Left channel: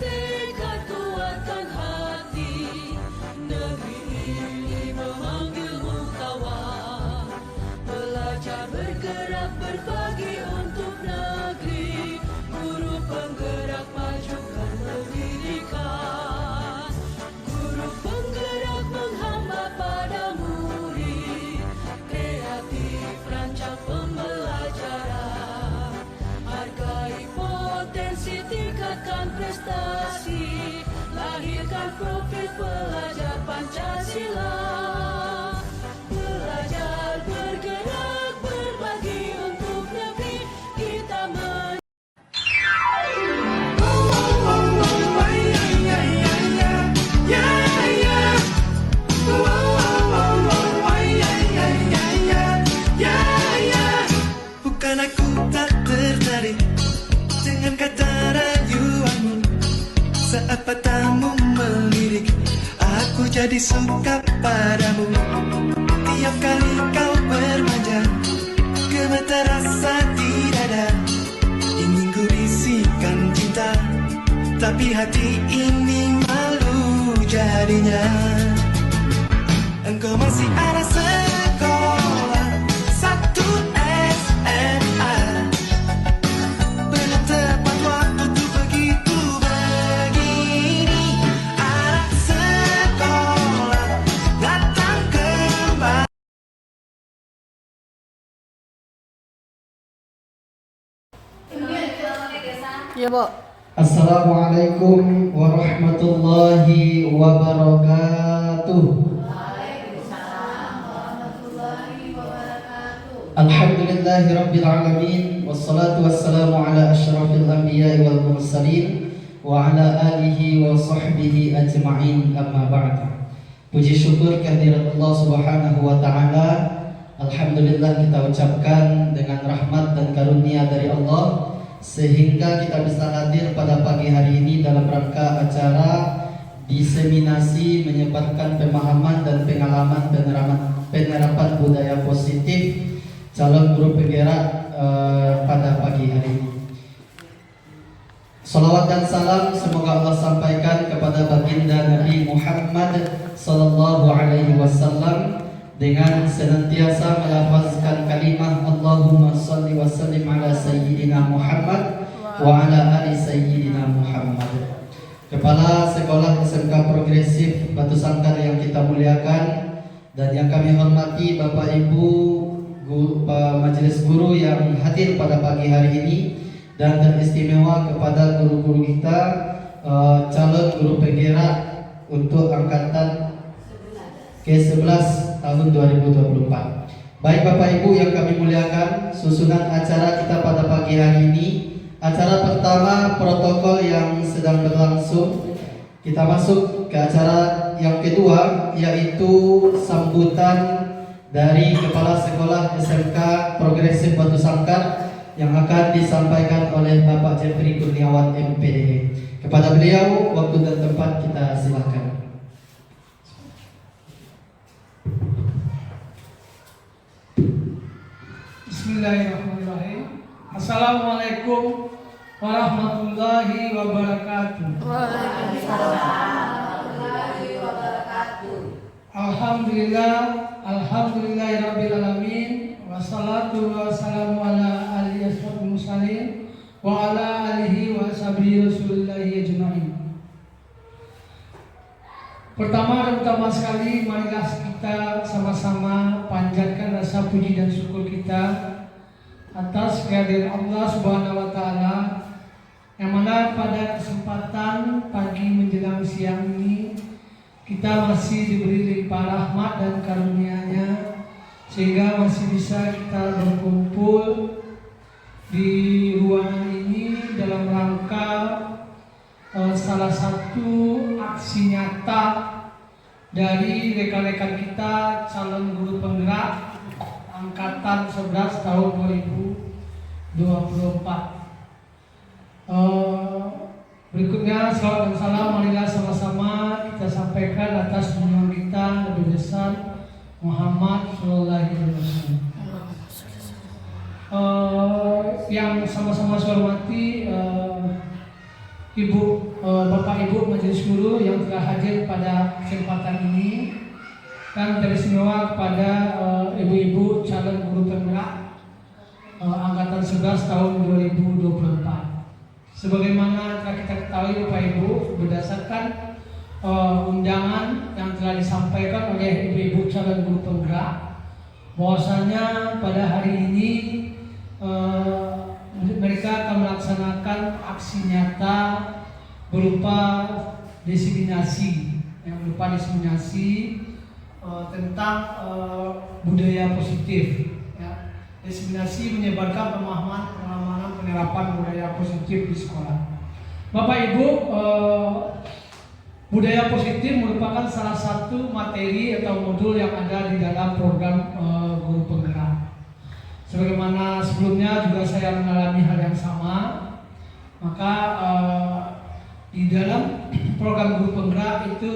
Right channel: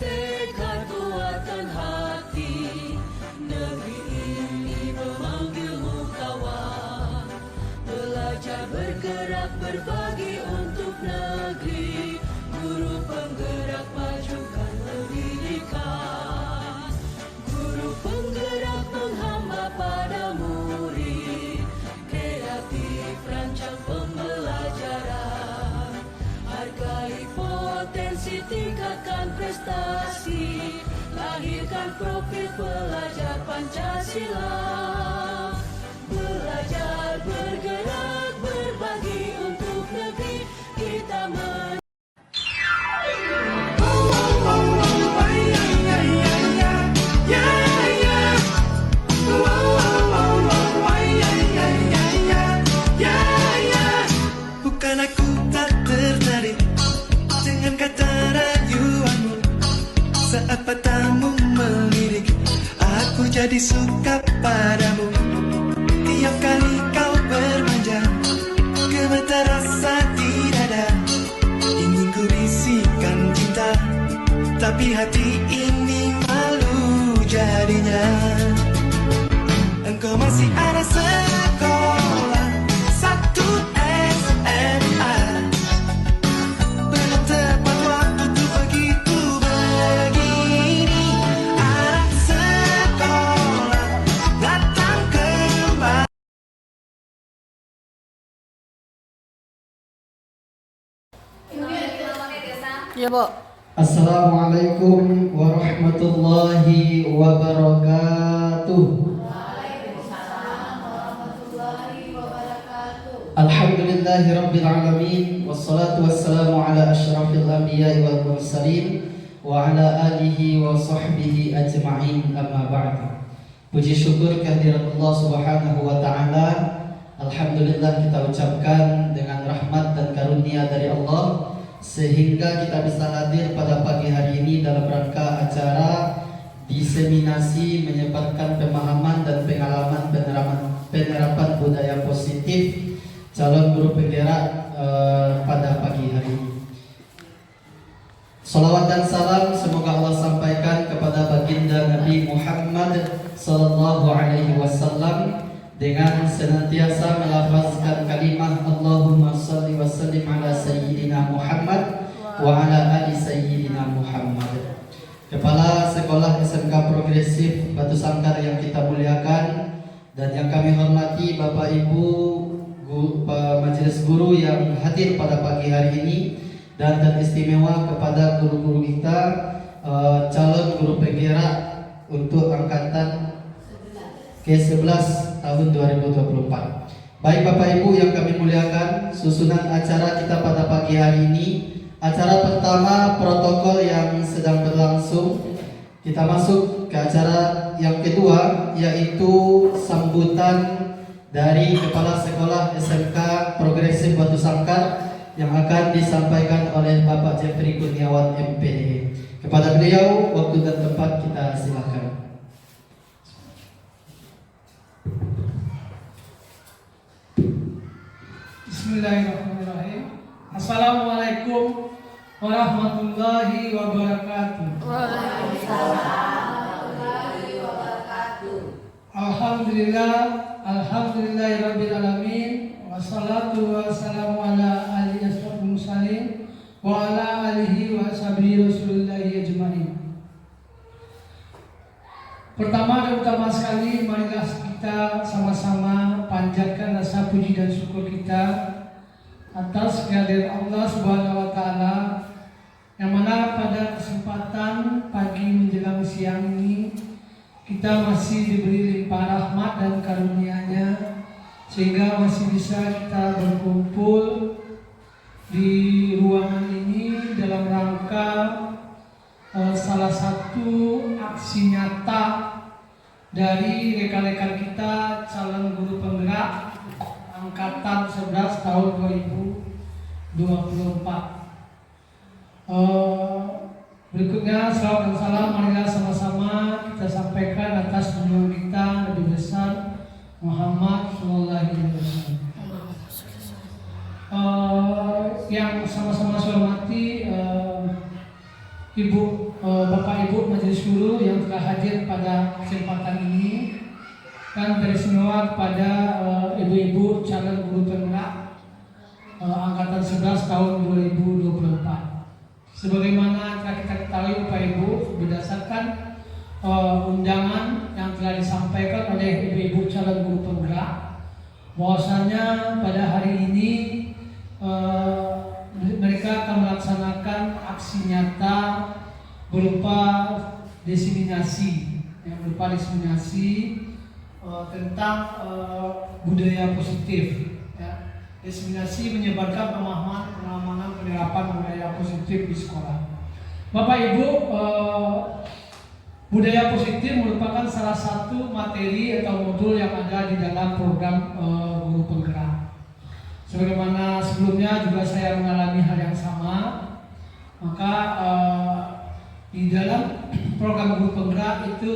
tekad kuatan hati. Negeri ini memanggilmu kawan. Belajar bergerak berbagi untuk negeri. Guru penggerak majukan pendidikan. Guru penggerak menghamba pada murid. Kreatif rancang pembelajaran. Hargai potensi, tingkatkan prestasi. Lahirkan profil pelajar Pancasila. Belajar bergerak berbagi untuk negeri kita Bukan aku tak tertarik dengan kata rayuanmu. Saat matamu melirik, aku jadi suka padamu. Tiap kali kau bermanja, gemetar rasa di dada. Ingin ku bisikan cinta, tapi hati ini malu jadinya. Engkau masih anak sekolah satu SMA. Belum tepat waktu tuh begitu begini. Anak sekolah datang kembali. Ya, Bu. Assalamualaikum warahmatullahi wabarakatuh. Alhamdulillahi rabbil alamin. Wassalatu wassalamu ala asyrafil anbiya'i wal mursalin wa ala alihi wa sahbihi ajma'in, amma ba'd. Puji syukur kehadirat Allah subhanahu wa ta'ala. Alhamdulillah kita ucapkan dengan rahmat dan karunia dari Allah, sehingga kita bisa hadir pada pagi hari ini dalam rangka acara diseminasi menyebarkan pemahaman dan pengalaman penerapan budaya positif calon guru penggerak pada pagi hari ini. Salawat dan salam semoga Allah sampaikan kepada baginda Nabi Muhammad sallallahu alaihi wasallam dengan senantiasa melafazkan kalimah Allahumma shalli wa sallim ala sayyidina Muhammad wa ala ali sayyidina Muhammad. Kepala Sekolah SMK Progresif Batu Sangkar yang kita muliakan dan yang kami hormati Bapak Ibu majelis guru yang hadir pada pagi hari ini, dan teristimewa kepada guru-guru kita calon guru penggerak untuk angkatan ke-11 tahun 2024. Baik Bapak Ibu yang kami muliakan, susunan acara kita pada pagi hari ini. Acara pertama protokol yang sedang berlangsung. Kita masuk ke acara yang kedua, yaitu sambutan dari Kepala Sekolah SMK Progresif Batu Sangkar yang akan disampaikan oleh Bapak Jeffrey Kurniawan MPD. Kepada beliau, waktu dan tempat kita silakan. Bismillahirrahmanirrahim. Assalamualaikum warahmatullahi wabarakatuh. Alhamdulillahirabbil alamin, wassalatu wassalamu ala alihi asyrafil mursalin wa ala alihi wa sahbihi rasulillahi ajmain. Pertama dan utama sekali, marilah kita sama-sama panjatkan rasa puji dan syukur kita atas kehadiran Allah Subhanahu wa taala, yang mana pada kesempatan pagi menjelang siang ini kita masih diberi limpah rahmat dan karunia-Nya, sehingga masih bisa kita berkumpul di ruangan ini dalam rangka salah satu aksi nyata dari rekan-rekan kita calon guru penggerak angkatan 11 tahun 2024. Berikutnya salam dan salam marilah sama-sama kita sampaikan atas junjungan kita Nabi besar Muhammad sallallahu alaihi wasallam. Yang sama-sama saya hormati Ibu pada kesempatan ini dan teristimewa kepada ibu-ibu calon guru penggerak angkatan 11 tahun 2024. Sebagaimana telah kita ketahui Bapak Ibu, berdasarkan undangan yang telah disampaikan oleh ibu-ibu calon guru penggerak, bahwasanya pada hari ini mereka akan melaksanakan aksi nyata berupa diseminasi tentang budaya positif. Ya. Diseminasi menyebarkan pemahaman penerapan budaya positif di sekolah. Bapak Ibu, budaya positif merupakan salah satu materi atau modul yang ada di dalam program guru penggerak. Sebagaimana sebelumnya juga saya mengalami hal yang sama, maka di dalam program guru penggerak itu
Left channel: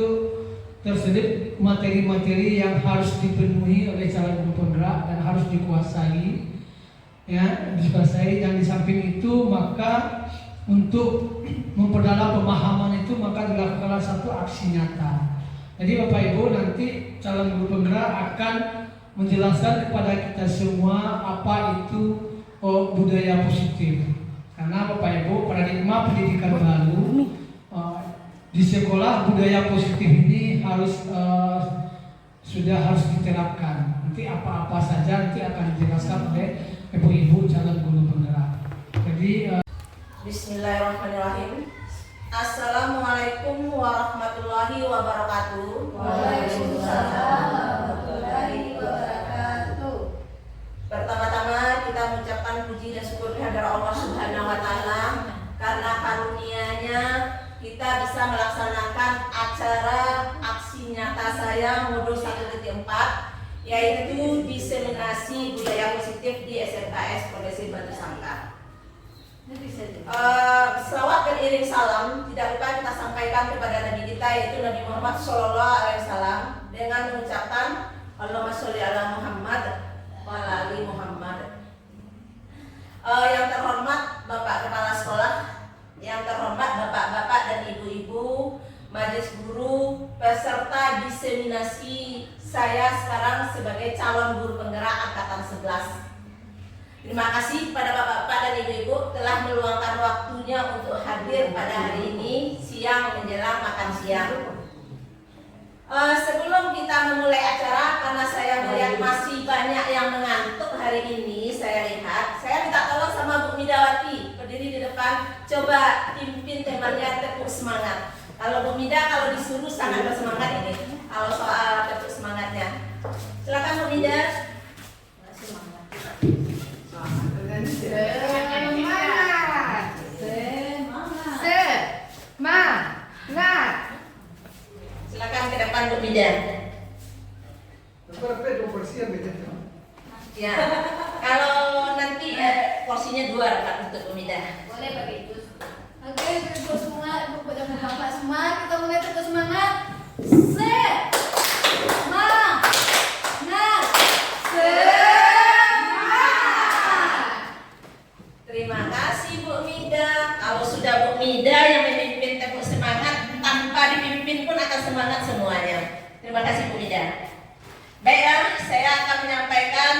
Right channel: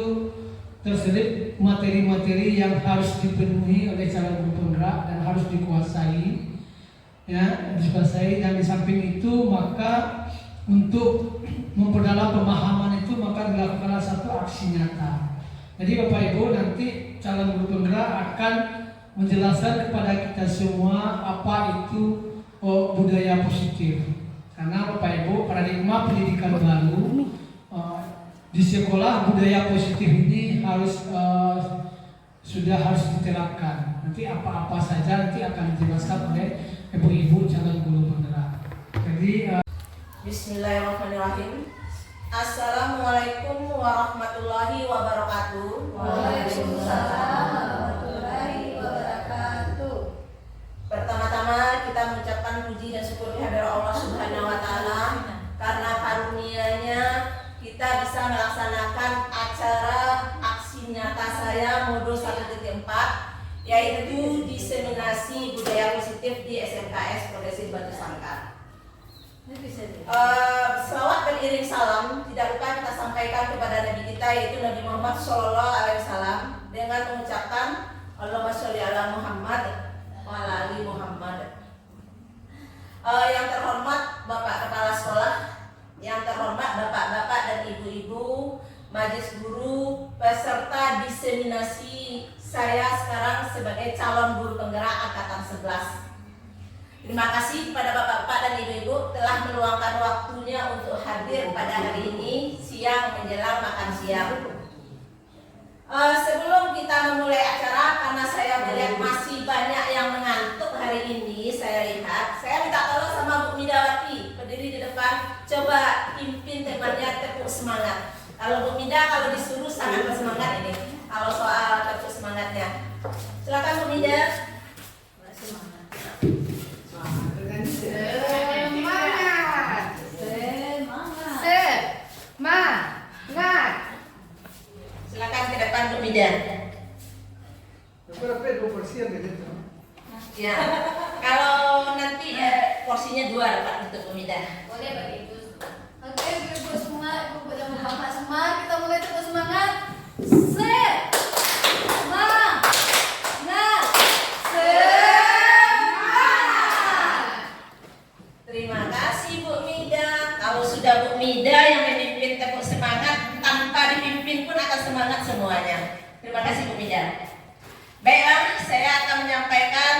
terselip materi-materi yang harus dipenuhi oleh calon guru penggerak dan harus dikuasai, dan di samping itu maka untuk memperdalam pemahaman itu maka dilakukanlah satu aksi nyata. Jadi Bapak Ibu, nanti calon guru penggerak akan menjelaskan kepada kita semua apa itu budaya positif. Karena Bapak Ibu, paradigma pendidikan baru di sekolah budaya positif ini sudah harus diterapkan. Nanti apa-apa saja nanti akan dijelaskan oleh ibu-ibu calon guru penggerak. Jadi Bismillahirrahmanirrahim. Assalamualaikum warahmatullahi wabarakatuh. Waalaikumsalam warahmatullahi wabarakatuh. Pertama-tama kita mengucapkan puji dan syukur kehadirat Allah Subhanahu wa taala karena karunia-Nya kita bisa melaksanakan acara aksi nyata saya modul 1.4, yaitu diseminasi budaya positif di SMKS Progresif Batu Sangkar. Selawat dan iring salam tidak lupa kita sampaikan kepada Nabi kita, yaitu Nabi Muhammad SAW, dengan mengucapkan Allahumma sholli ala Muhammad wa ala ali Muhammad. Yang terhormat Bapak Kepala Sekolah, yang terhormat Bapak-bapak dan ibu-ibu, majelis guru, peserta diseminasi saya sekarang sebagai calon guru penggerak angkatan 11. Terima kasih kepada bapak-bapak dan ibu-ibu telah meluangkan waktunya untuk hadir pada hari ini siang menjelang makan siang. Sebelum kita memulai acara, karena saya melihat masih banyak yang mengantuk hari ini, saya minta tolong sama Bu Midawati berdiri di depan, coba pimpin temannya tepuk semangat. Kalau Bu Mida kalau disuruh sangat bersemangat ini. Kalau soal tepuk semangatnya, silakan Bu Mida. Silakan ke depan Bu Mida. Ya, kalau nanti porsinya 2 dapat untuk Bu Mida. Boleh pakai itu. Oke, ibu semua, ibu pada Muhammad semua, kita mulai terus semangat. Terima kasih Bu Mida. Kalau sudah Bu Mida yang memimpin tepuk semangat, tanpa dipimpin pun akan semangat semuanya. Terima kasih Bu Mida. Baiklah, saya akan menyampaikan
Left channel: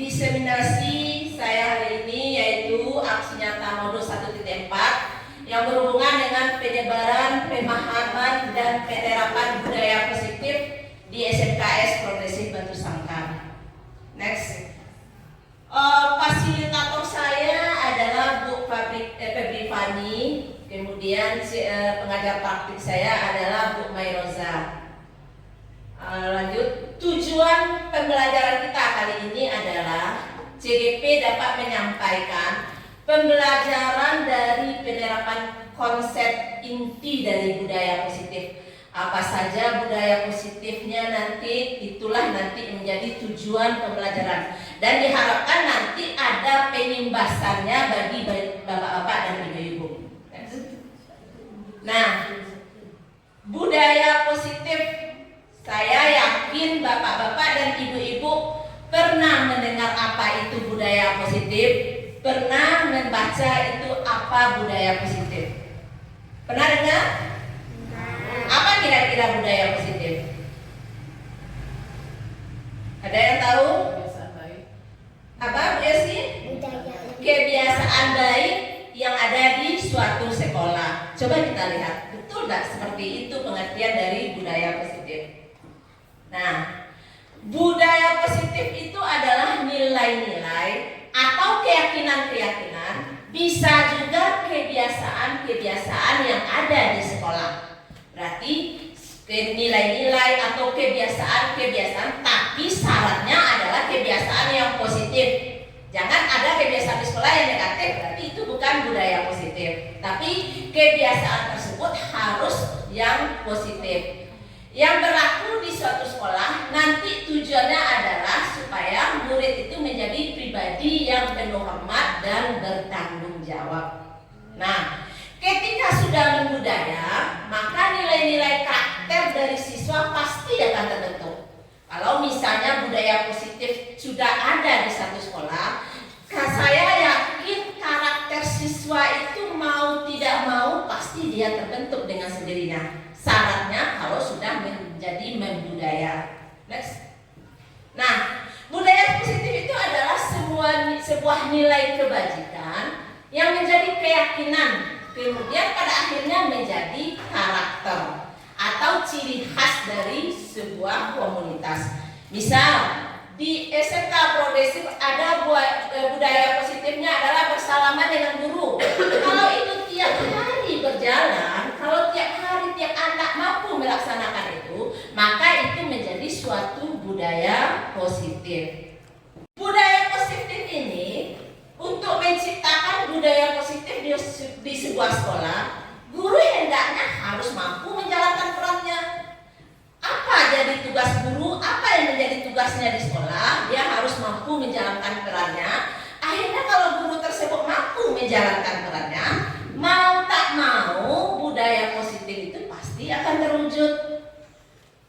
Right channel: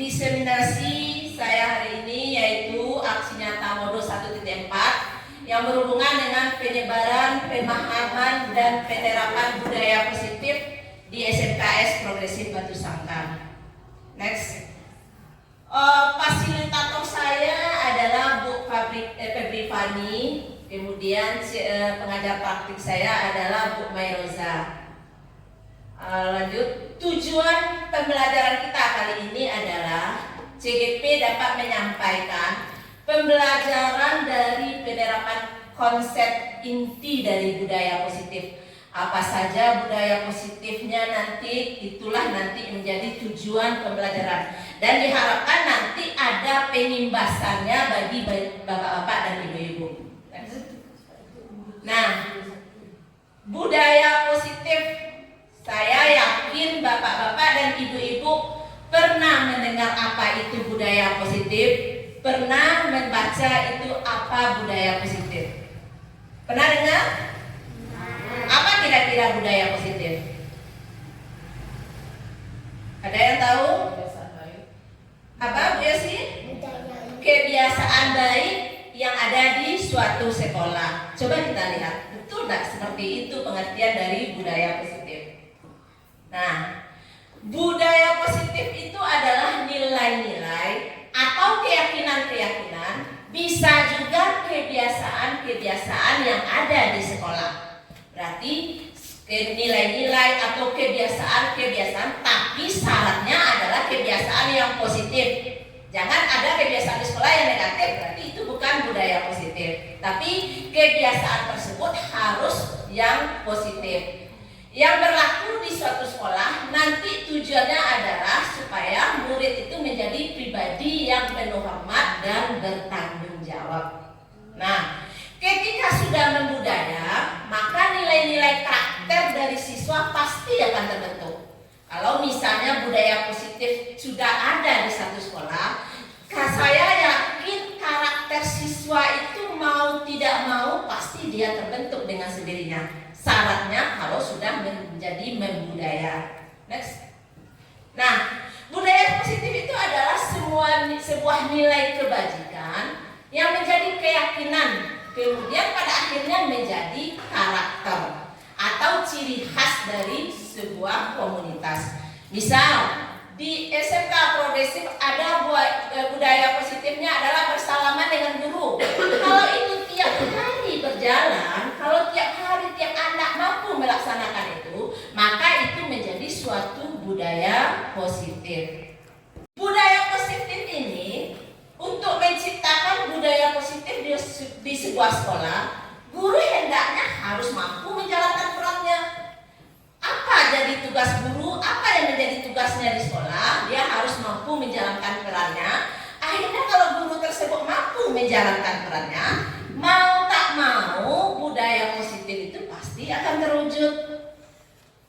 diseminasi saya hari ini, yaitu aksi nyata modul 1.4 yang berhubungan dengan penyebaran, pemahaman, dan penerapan budaya positif di SMKS Progresif Batu Sangkar. Next. Fasilitator saya adalah Bu Febri Fani, kemudian pengajar praktik saya adalah Bu Mairoza. Lanjut, tujuan pembelajaran kita kali ini adalah CGP dapat menyampaikan pembelajaran dari penerapan konsep inti dari budaya positif. Apa saja budaya positifnya nanti, itulah nanti menjadi tujuan pembelajaran. Dan diharapkan nanti ada penimbasannya bagi bapak-bapak dan ibu-ibu. Nah, budaya positif, saya yakin bapak-bapak dan ibu-ibu pernah mendengar apa itu budaya positif, pernah membaca itu apa budaya positif. Pernah dengar? apa kira-kira budaya positif? Ada yang tahu? Apa biasanya? Kebiasaan baik yang ada di suatu sekolah. Coba kita lihat, betul nggak seperti itu pengertian dari budaya positif? Nah, budaya positif itu adalah nilai-nilai atau keyakinan-keyakinan, bisa juga kebiasaan-kebiasaan yang ada di sekolah. Berarti nilai-nilai atau kebiasaan-kebiasaan, tapi syaratnya adalah kebiasaan yang positif. Jangan ada kebiasaan di sekolah yang negatif, berarti itu bukan budaya positif. Tapi kebiasaan tersebut harus yang positif, yang berlaku di suatu sekolah. Nanti tujuannya adalah supaya murid itu menjadi pribadi yang penuh hormat dan bertanggung jawab. Nah, ketika sudah membudaya, maka nilai-nilai karakter dari siswa pasti akan terbentuk. Kalau misalnya budaya positif sudah ada di satu sekolah, saya yakin karakter siswa itu mau tidak mau pasti dia terbentuk dengan sendirinya. Syaratnya kalau sudah menjadi membudaya. Next. Nah, budaya positif itu adalah sebuah nilai kebajikan yang menjadi keyakinan, kemudian pada akhirnya menjadi karakter atau ciri khas dari sebuah komunitas. Misal di SMK Progresif ada budaya positifnya adalah bersalaman dengan guru. Kalau itu tiap hari berjalan, kalau tiap hari tiap anak mampu melaksanakan itu, maka itu menjadi suatu budaya positif. Budaya positif ini, untuk menciptakan budaya positif di sebuah sekolah, guru hendaknya harus mampu menjalankan perannya. Apa jadi tugas guru? Apa yang menjadi tugasnya di sekolah? Dia harus mampu menjalankan perannya. Akhirnya kalau guru tersebut mampu menjalankan perannya, mau tak mau budaya positif itu pasti akan terwujud.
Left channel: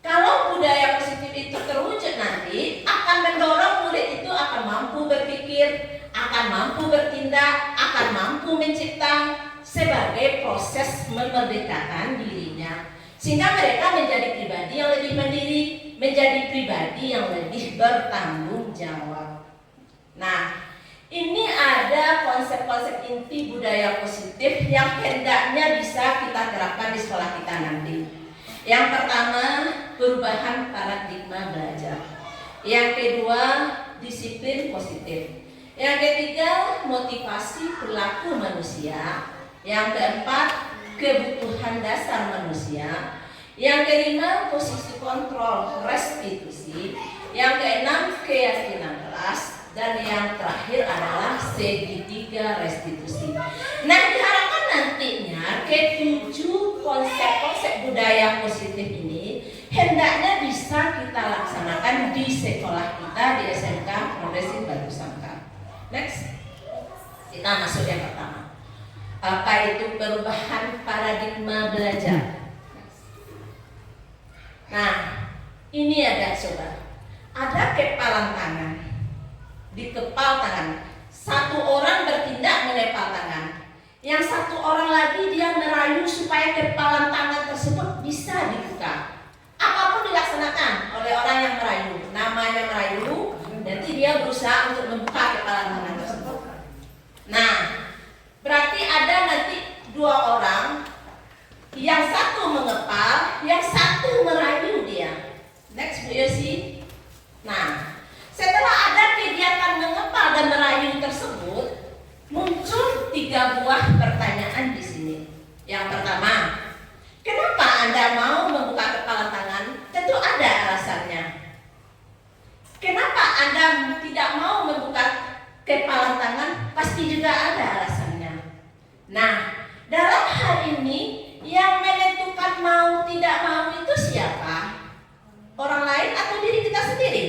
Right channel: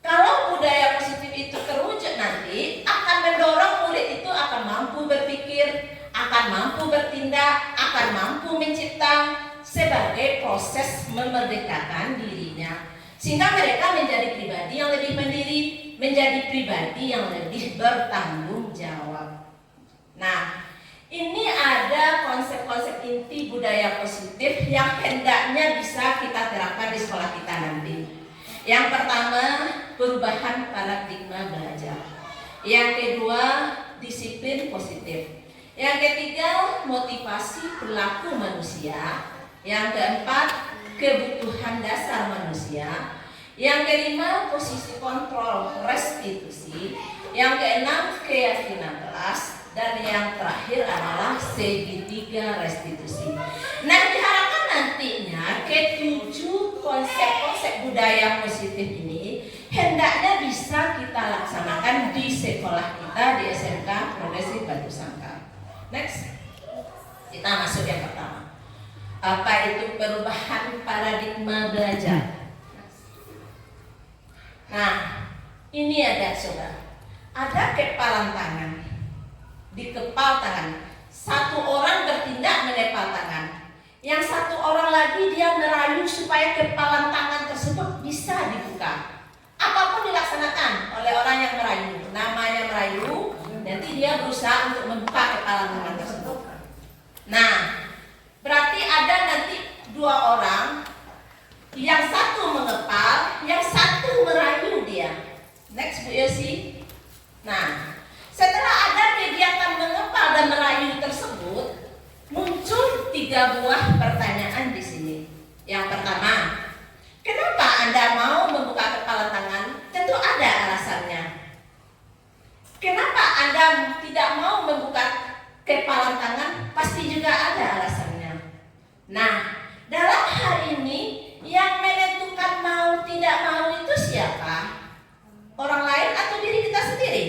Kalau budaya positif itu terwujud nanti akan mendorong murid itu akan mampu berpikir, akan mampu bertindak, akan mampu mencipta sebagai proses memerdekakan dirinya, sehingga mereka menjadi pribadi yang lebih mandiri, menjadi pribadi yang lebih bertanggung jawab. Nah, ini ada konsep-konsep inti budaya positif yang hendaknya bisa kita terapkan di sekolah kita nanti. Yang pertama, perubahan paradigma belajar. Yang kedua, disiplin positif. Yang ketiga, motivasi perilaku manusia. Yang keempat, kebutuhan dasar manusia. Yang kelima, posisi kontrol restitusi. Yang keenam, keyakinan kelas. Dan yang terakhir adalah segitiga restitusi. Nah, diharapkan nantinya ketujuh konsep-konsep budaya positif ini hendaknya bisa kita laksanakan di sekolah kita di SMK Progresif Batu Sangkar. Next, kita masuk yang pertama. Apa itu perubahan paradigma belajar? Nah, ini ada coba. Ada kepalan tangan. Di kepal tangan, satu orang bertindak menepal tangan, yang satu orang lagi dia merayu supaya kepalan tangan tersebut bisa dibuka. Apapun dilaksanakan oleh orang yang merayu, namanya merayu, nanti dia berusaha untuk membuka kepalan tangan tersebut. Nah, berarti ada nanti dua orang, yang satu mengepal, yang satu merayu dia. Next, Bu Yosi. Nah, setelah ada kegiatan mengepal dan merayu tersebut, muncul 3 buah pertanyaan di sini. Yang pertama, kenapa Anda mau membuka kepala tangan? Tentu ada alasannya. Kenapa Anda tidak mau membuka kepala tangan? Pasti juga ada alasannya. Nah, dalam hal ini yang menentukan mau tidak mau itu siapa? Orang lain atau diri kita sendiri?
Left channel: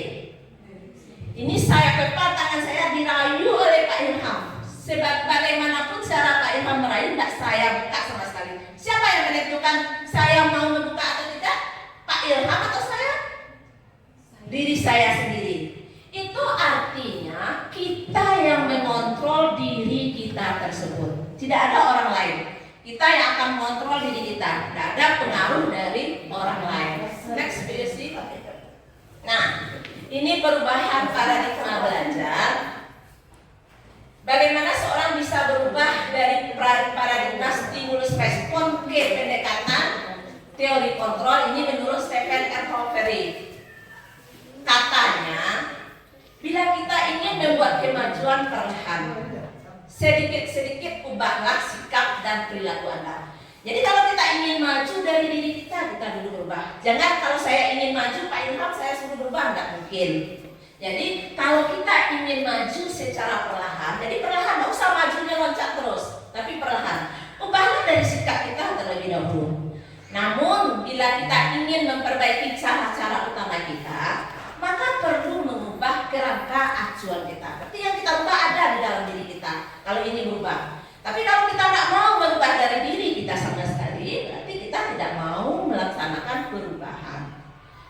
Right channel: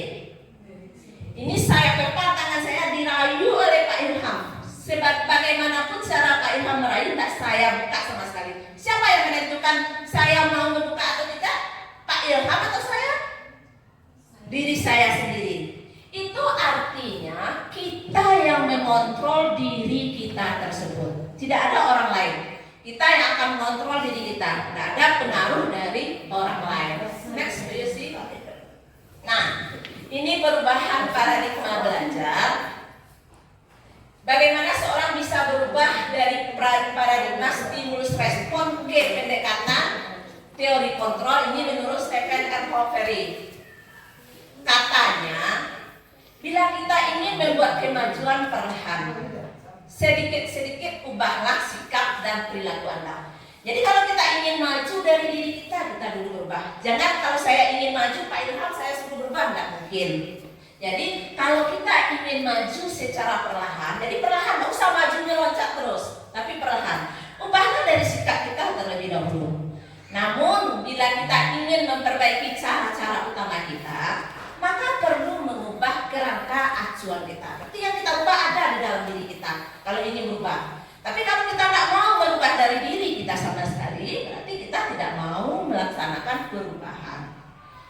Ini saya kepal tangan saya dirayu oleh Pak Ilham. Sebab bagaimanapun cara Pak Ilham merayu tidak saya buka sama sekali. Siapa yang menentukan saya mau membuka atau tidak? Pak Ilham atau saya? Diri saya sendiri. Itu artinya kita yang mengontrol diri kita tersebut. Tidak ada orang lain. Kita yang akan mengontrol diri kita. Tidak ada pengaruh dari orang lain. Next, you see. Nah, ini perubahan paradigma belajar. Bagaimana seorang bisa berubah dari paradigma stimulus respon ke pendekatan teori kontrol ini menurut Stephen R. Covey. Katanya, bila kita ingin membuat kemajuan perlahan, sedikit-sedikit ubahlah sikap dan perilaku Anda. Jadi kalau kita ingin maju dari diri kita dulu berubah. Jangan kalau saya ingin maju, Pak Ilham saya suruh berubah, nggak mungkin. Jadi kalau kita ingin maju secara perlahan, jadi perlahan, nggak usah majunya loncat terus, tapi perlahan. Ubahlah dari sikap kita terlebih dahulu. Namun bila kita ingin memperbaiki cara-cara utama kita, maka perlu mengubah kerangka acuan kita. Berarti yang kita ubah ada di dalam diri kita. Kalau ini berubah. Tapi kalau kita tidak mau berubah dari diri kita sama sekali, berarti kita tidak mau melaksanakan perubahan.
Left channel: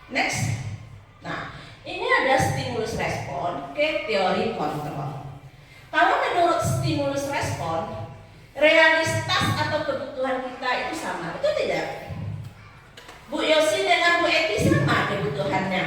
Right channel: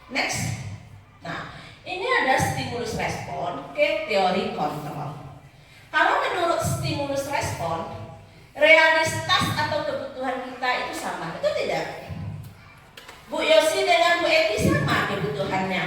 Next. Nah, ini ada stimulus respon ke teori kontrol. Kalau menurut stimulus respon, realitas atau kebutuhan kita itu sama, itu tidak? Bu Yosi dengan Bu Eti sama kebutuhannya.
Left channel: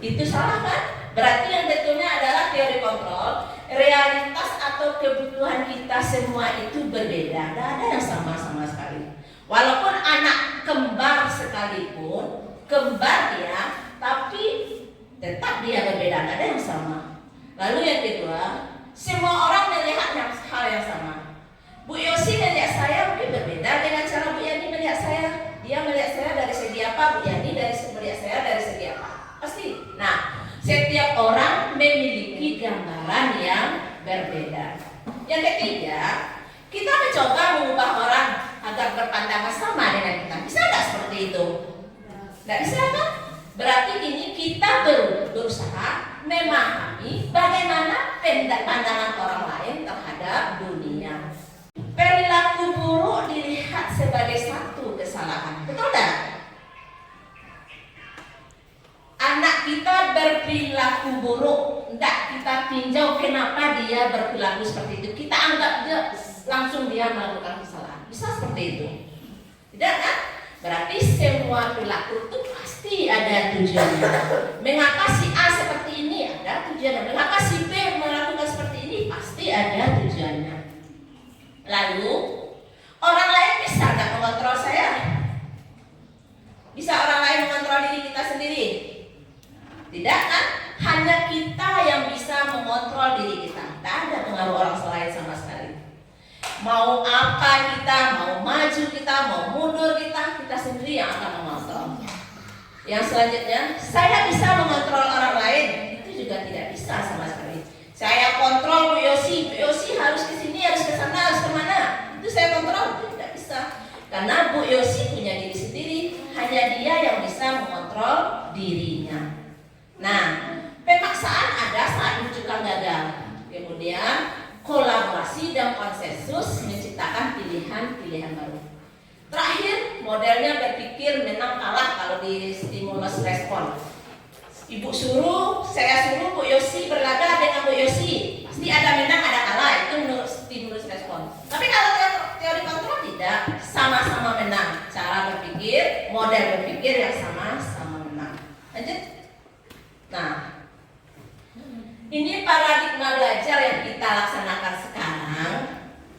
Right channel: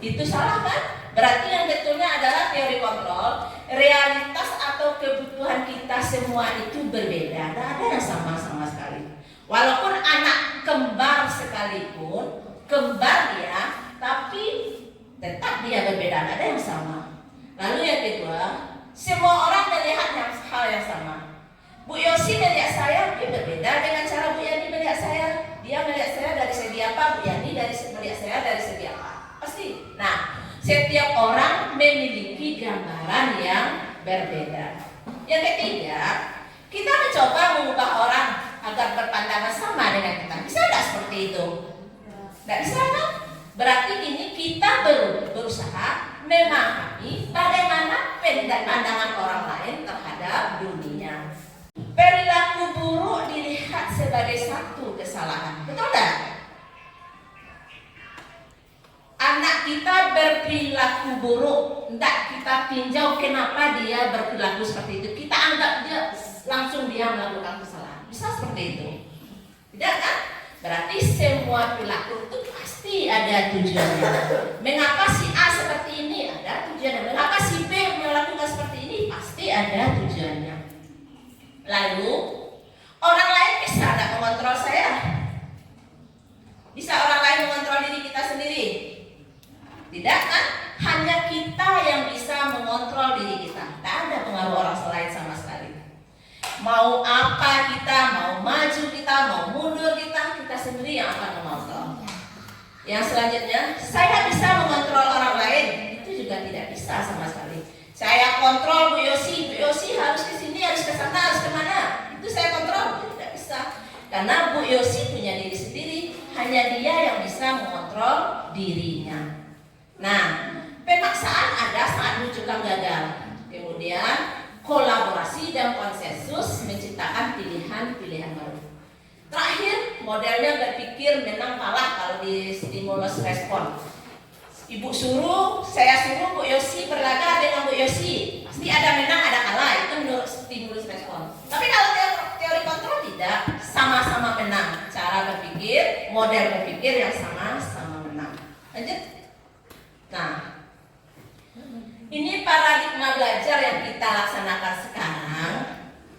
Itu salah kan? Berarti yang betulnya adalah teori kontrol. Realitas atau kebutuhan kita semua itu berbeda. Tidak ada yang sama-sama sekali. Walaupun anak kembar sekalipun, kembar dia, tapi tetap dia berbeda. Tidak ada yang sama. Lalu yang kedua, semua orang melihat hal yang sama. Bu Yosi melihat saya mungkin berbeda dengan cara Bu Yani melihat saya. Dia melihat saya dari segi apa, Bu Yani melihat saya dari segi apa. Pasti. Nah, setiap orang memiliki gambaran yang berbeda. Yang ketiga, kita mencoba mengubah orang agar berpandangan sama dengan kita. Bisa nggak seperti itu? Nggak bisa kan? Berarti ini kita berusaha memahami bagaimana pandangan orang lain terhadap dunia. Perilaku buruk dilihat sebagai satu kesalahan. Betul nggak? Anak kita berperilaku buruk, enggak kita tinjau kenapa dia berperilaku seperti itu. Kita anggap dia langsung dia melakukan kesalahan. Bisa seperti itu? Tidak kan? Berarti semua perilaku itu pasti ada tujuannya. Mengapa si A seperti ini? Ada tujuannya. Mengapa si B melakukan seperti ini? Pasti ada tujuannya. Lalu orang lain bisa nggak mengontrol saya? Bisa orang lain mengontrol diri kita sendiri? Tidak kan? Hanya kita yang bisa mengontrol diri kita. Tidak ada pengaruh orang lain sama sekali. Mau apa kita, mau maju kita, mau mundur kita sendiri yang akan mengontrol. Yang selanjutnya, saya bisa mengontrol orang lain. Itu juga tidak bisa sama sekali. Saya kontrol Bu Yosi harus ke sini, harus ke sana, harus kemana. Itu saya kontrol, itu tidak bisa. Karena Bu Yosi punya diri sendiri. Hanya dia yang bisa mengontrol dirinya. Nah, pemaksaan ada saat menunjukkan gagal. Kemudian kolaborasi dan konsensus menciptakan pilihan-pilihan baru. Terakhir, modelnya berpikir menang kalah kalau di stimulus respon. Ibu suruh, saya suruh Bu Yosi berlaga dengan Bu Yosi. Pasti ada menang, ada kalah. Itu menurut stimulus respon. Tapi kalau teori kontrol tidak, sama-sama menang. Cara berpikir, model berpikir yang sama-sama menang. Lanjut. Nah, ini paradigma belajar yang kita laksanakan sekarang.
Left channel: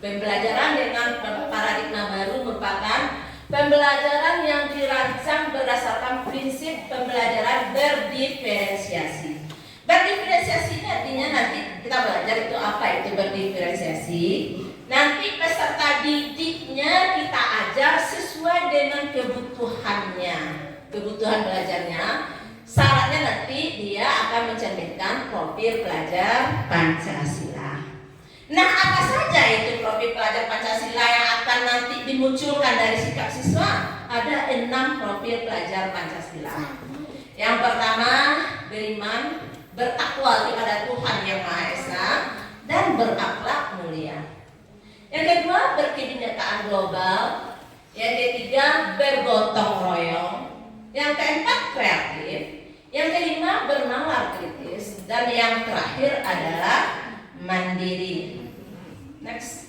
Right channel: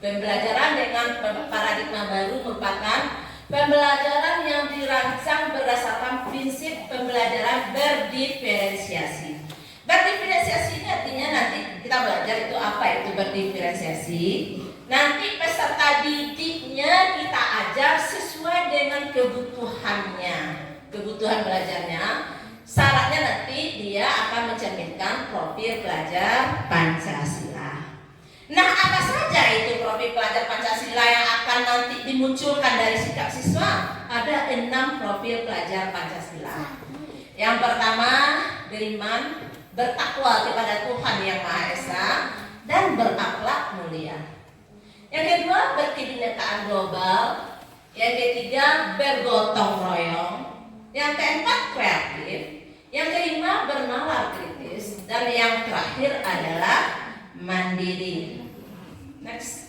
Pembelajaran dengan paradigma baru merupakan pembelajaran yang dirancang berdasarkan prinsip pembelajaran berdiferensiasi. Berdiferensiasi ini artinya nanti kita belajar itu apa itu berdiferensiasi. Nanti peserta didiknya kita ajar sesuai dengan kebutuhannya, kebutuhan belajarnya. Syaratnya nanti dia akan mencerminkan profil pelajar Pancasila. Nah, apa saja itu profil pelajar Pancasila yang akan nanti dimunculkan dari sikap siswa? Ada 6 profil pelajar Pancasila. Yang pertama, beriman, bertakwa kepada Tuhan Yang Maha Esa, dan berakhlak mulia. Yang kedua, berkebinekaan global. Yang ketiga, bergotong royong. Yang keempat, kreatif. Yang kelima, bernalar kritis. Dan yang terakhir adalah mandiri. Next.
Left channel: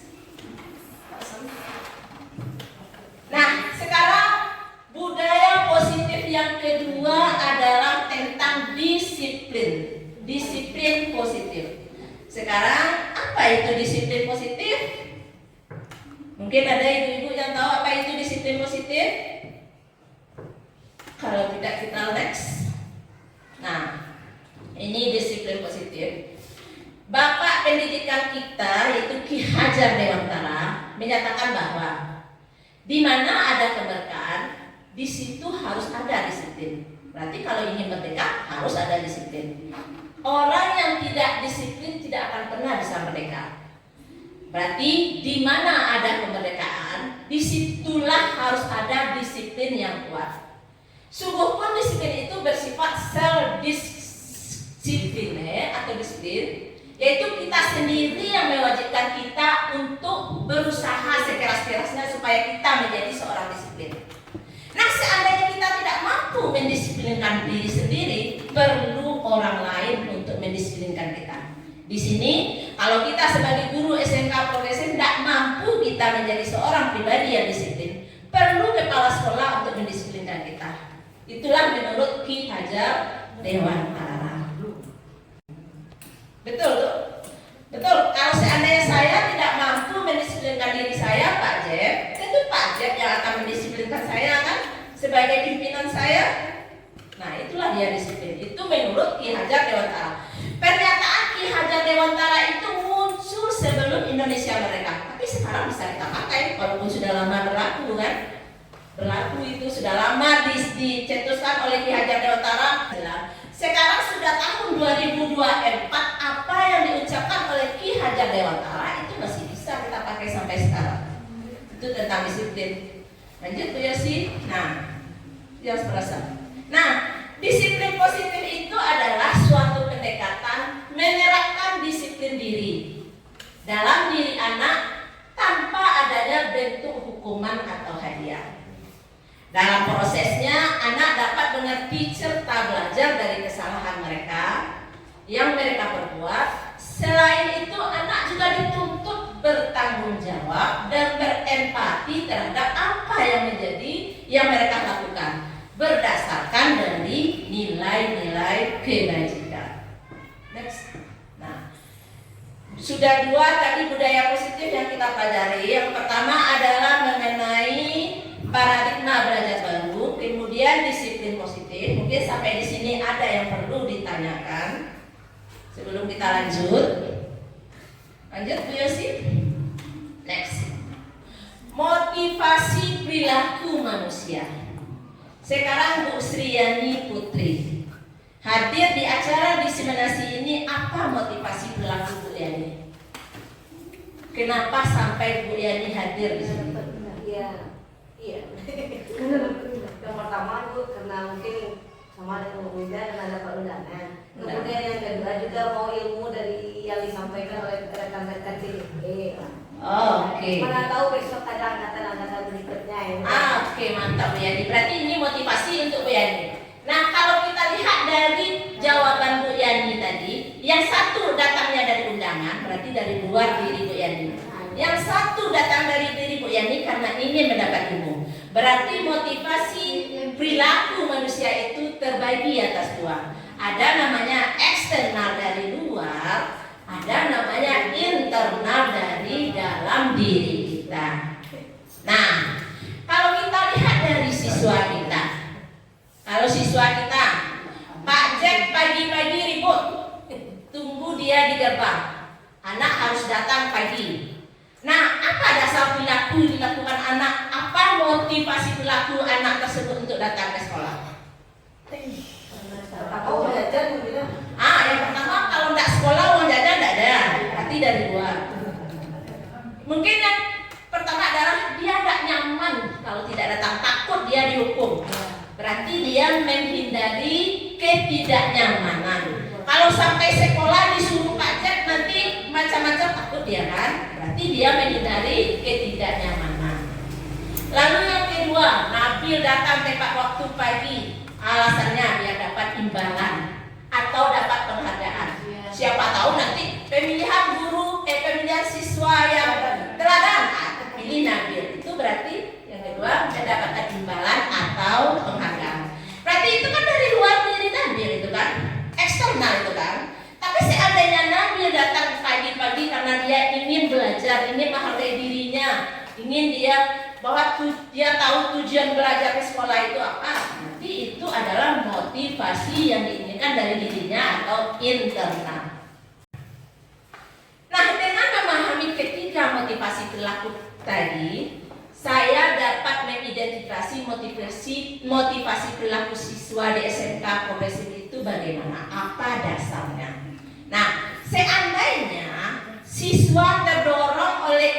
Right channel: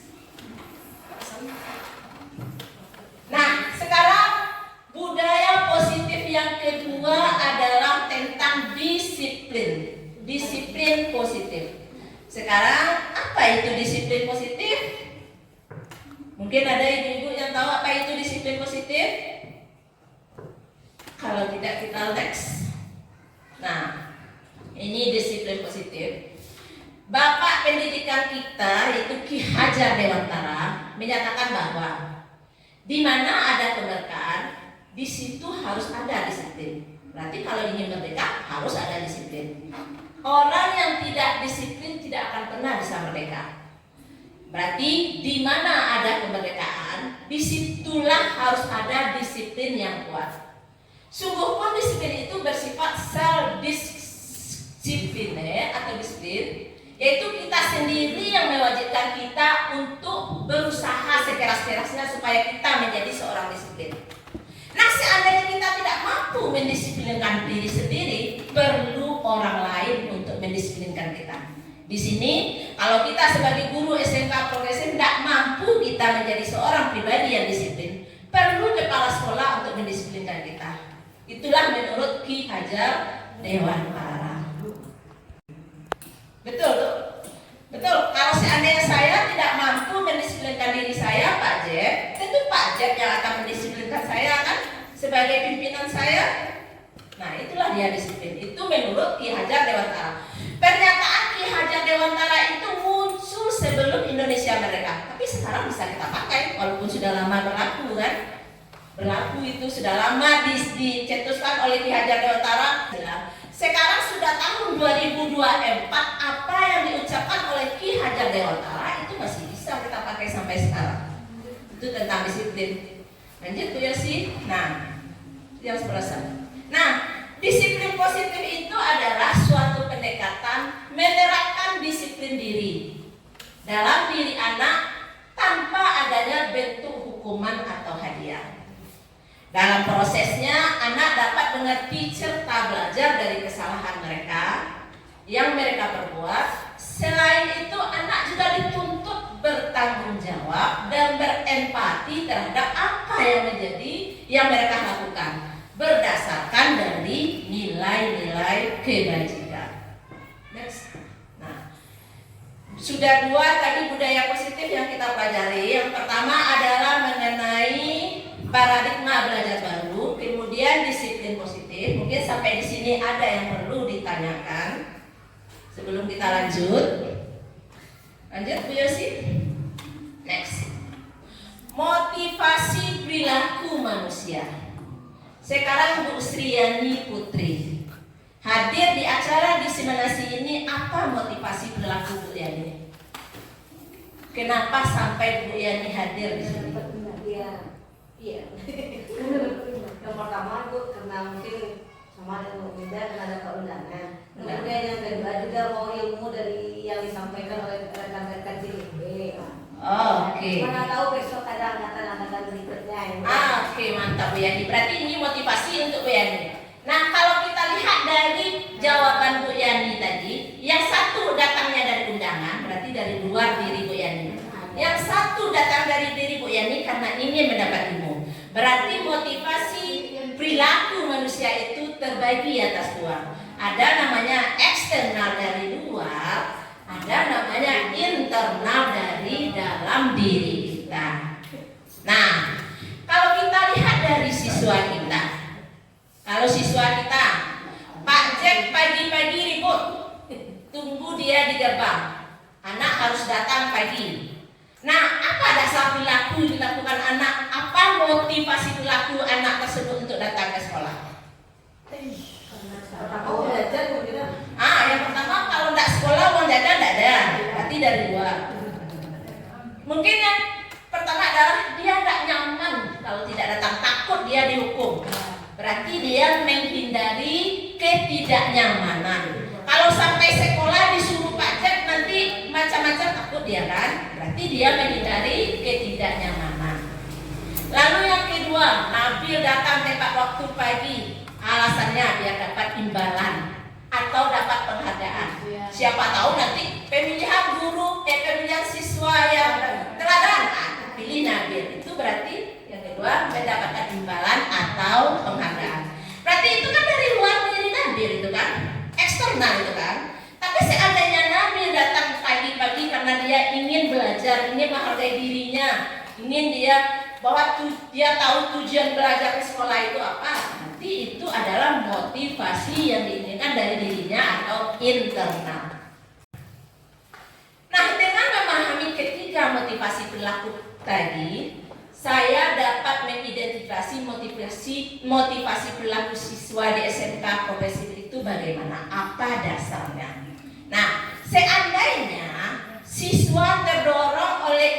disiplin positif. Sekarang apa itu disiplin positif? Mungkin ada ibu-ibu yang tahu apa itu disiplin positif? Kalau tidak kita next. Nah, ini disiplin positif. Bapak pendidikan kita yaitu Ki Hajar Dewantara menyatakan bahwa di mana ada kemerdekaan, di situ harus ada disiplin. Berarti kalau ingin merdeka harus ada disiplin. Orang yang tidak disiplin tidak akan pernah bisa merdeka. Berarti di mana ada kemerdekaan, disitulah harus ada disiplin yang kuat. Sungguh pun disiplin itu bersifat self-disiplin atau disiplin, yaitu kita sendiri yang mewajibkan kita untuk berusaha sekeras-kerasnya supaya kita menjadi seorang disiplin. Nah, seandainya kita tidak mampu mendisiplinkan diri sendiri, perlu orang lain untuk mendisiplinkan kita. Di sini, kalau kita sebagai guru SMK profesi tidak mampu kita menjadi seorang pribadi yang disiplin, perlu kepala sekolah untuk mendisiplinkan kita. Itulah menurut Ki Hajar Dewantara. Betul tuh? Betul. Kalau seandainya saya tidak mampu mendisiplinkan diri saya, Pak Jeb, tentu Pak Jeb yang akan mendisiplinkan saya kan sebagai pimpinan saya. Nah, itulah dia disiplin. Itu menurut Ki Hajar Dewantara. Pernyataan Ki Hajar Dewantara itu muncul sebelum Indonesia merdeka, tapi sekarang bisa kita pakai walaupun sudah lama berlaku kan? Berlaku itu sudah lama dicetuskan oleh Ki Hajar Dewantara. Sekarang sudah tahun 2024, apa yang diucapkan oleh Ki Hajar Dewantara itu masih bisa kita pakai sampai sekarang. Itu tentang disiplin. Lanjut Bu Yosi. Nah, yang perasaan. Nah, disiplin positif itu adalah suatu pendekatan menerapkan disiplin diri dalam diri anak tanpa adanya bentuk hukuman atau hadiah. Dalam prosesnya, anak dapat mengerti serta belajar dari kesalahan mereka yang mereka perbuat. Selain itu, anak juga dituntut bertanggung jawab dan berempati terhadap apa yang mereka lakukan berdasarkan dari nilai-nilai kebajikan. Next. Nah, sudah dua tadi budaya positif yang kita pelajari. Yang pertama adalah mengenai paradigma belajar baru, kemudian disiplin positif. Mungkin sampai di sini ada yang perlu ditanyakan sebelum kita lanjut. Lanjut Bu Yosi. Next. Motivasi perilaku manusia. Sekarang Bu Sriyani Putri hadir di acara diseminasi ini. Apa motivasi perilaku Bu Yani? Kenapa sampai Bu Yani hadir di sini? Iya. Yang pertama itu karena mungkin sama dengan Bunda dan ada keundangan. Kemudian yang kedua juga mau ilmu dari yang disampaikan oleh rekan-rekan CDP. Oke. Mana tahu besok ada angkatan berikutnya. Oke, mantap Bu Yani. Berarti ini motivasi untuk Bu Yani. Nah, kalau kita lihat dari jawaban Bu Yani tadi, yang satu datangnya dari undangan, berarti dari luar diri Bu Yani. Yang satu datang dari diri Bu Yani karena ingin mendapat ilmu. Berarti motivasi perilaku manusia itu terbagi atas dua. Ada namanya eksternal dari luar, ada namanya internal dari dalam diri kita. Nah, kalau kita lihat dari siswa kita, Pak Jack pagi-pagi ribut, tunggu dia di gerbang. Anak harus datang pagi. Nah, apa dasar perilaku dilakukan anak? Apa motivasi perilaku anak tersebut untuk datang ke sekolah? Tahu jajan gitu. Yang pertama kalau tidak sekolah uang jajan tidak ada, berarti dari luar. Mungkin yang pertama adalah dia tidak nyaman kalau tidak datang, takut dia dihukum. Berarti dia menghindari ketidaknyamanan. Kalau sampai sekolah disuruh pajak nanti macam-macam takut dia kan? Berarti dia menghindari ketidaknyamanan. Lalu yang kedua, Nabil datang tepat waktu pagi. Alasannya biar dapat imbalan atau dapat penghargaan. Siapa tahu nanti pemilihan siswa yang teladan, pilih Nabil. Itu berarti yang kedua mendapatkan imbalan atau penghargaan. Berarti itu kan dari luar diri Nabil itu kan, eksternal itu kan. Tapi dia tahu tujuan belajar ke sekolah itu apa, nanti itu adalah motivasi yang diinginkan dari dirinya atau internal. Nah, dengan memahami ketiga motivasi perilaku tadi, saya dapat mengidentifikasi motivasi perilaku siswa di SMK progresif itu bagaimana, apa dasarnya. Nah, seandainya siswa terdorong oleh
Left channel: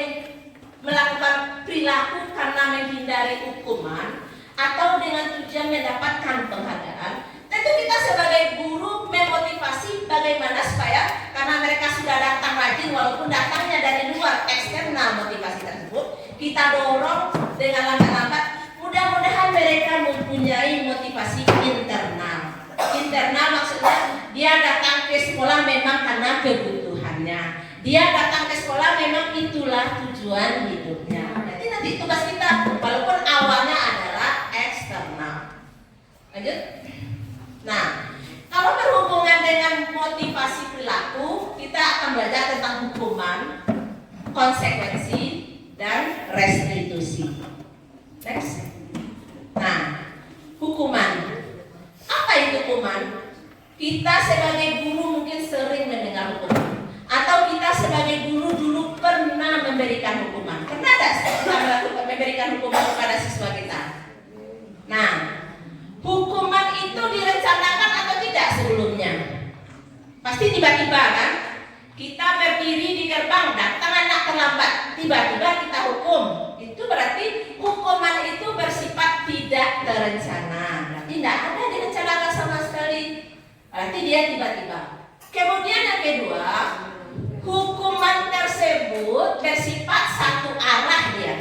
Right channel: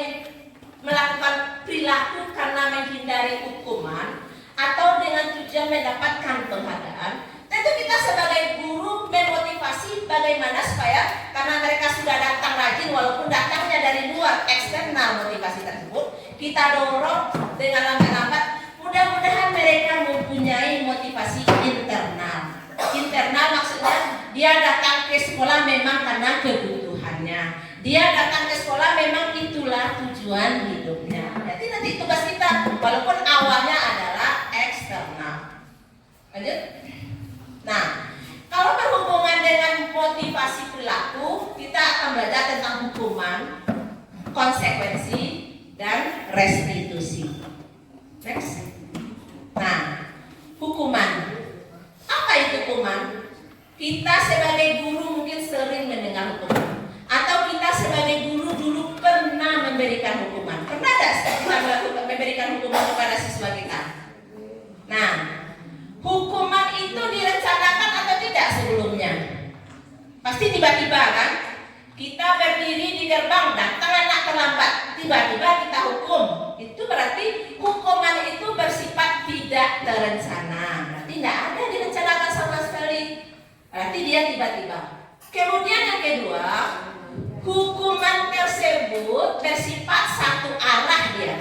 melakukan perilaku karena menghindari hukuman atau dengan tujuan mendapatkan penghargaan, tentu kita sebagai guru memotivasi bagaimana supaya karena mereka sudah datang rajin walaupun datangnya dari luar eksternal motivasi tersebut, kita dorong dengan lambat-lambat mudah-mudahan mereka mempunyai motivasi internal. Internal maksudnya dia datang ke sekolah memang karena kebutuhannya. Dia datang ke sekolah memang itulah tujuan hidupnya. Jadi nanti tugas kita walaupun awalnya adalah eksternal. Lanjut. Nah, kalau berhubungan dengan motivasi perilaku, kita akan belajar tentang hukuman, konsekuensi, dan restitusi. Next. Nah, hukuman. Apa itu hukuman? Kita sebagai guru mungkin sering mendengar hukuman. Atau kita sebagai guru dulu pernah memberikan hukuman. Pernah tidak memberikan hukuman kepada siswa kita? Nah, hukuman itu direncanakan atau tidak sebelumnya? Pasti tiba-tiba kan? Kita berdiri di gerbang, datang anak terlambat, tiba-tiba kita hukum. Itu berarti hukuman itu bersifat tidak terencana. Berarti tidak ada direncanakan sama sekali. Berarti dia tiba-tiba. Kemudian yang kedua, hukuman tersebut bersifat satu arah dia.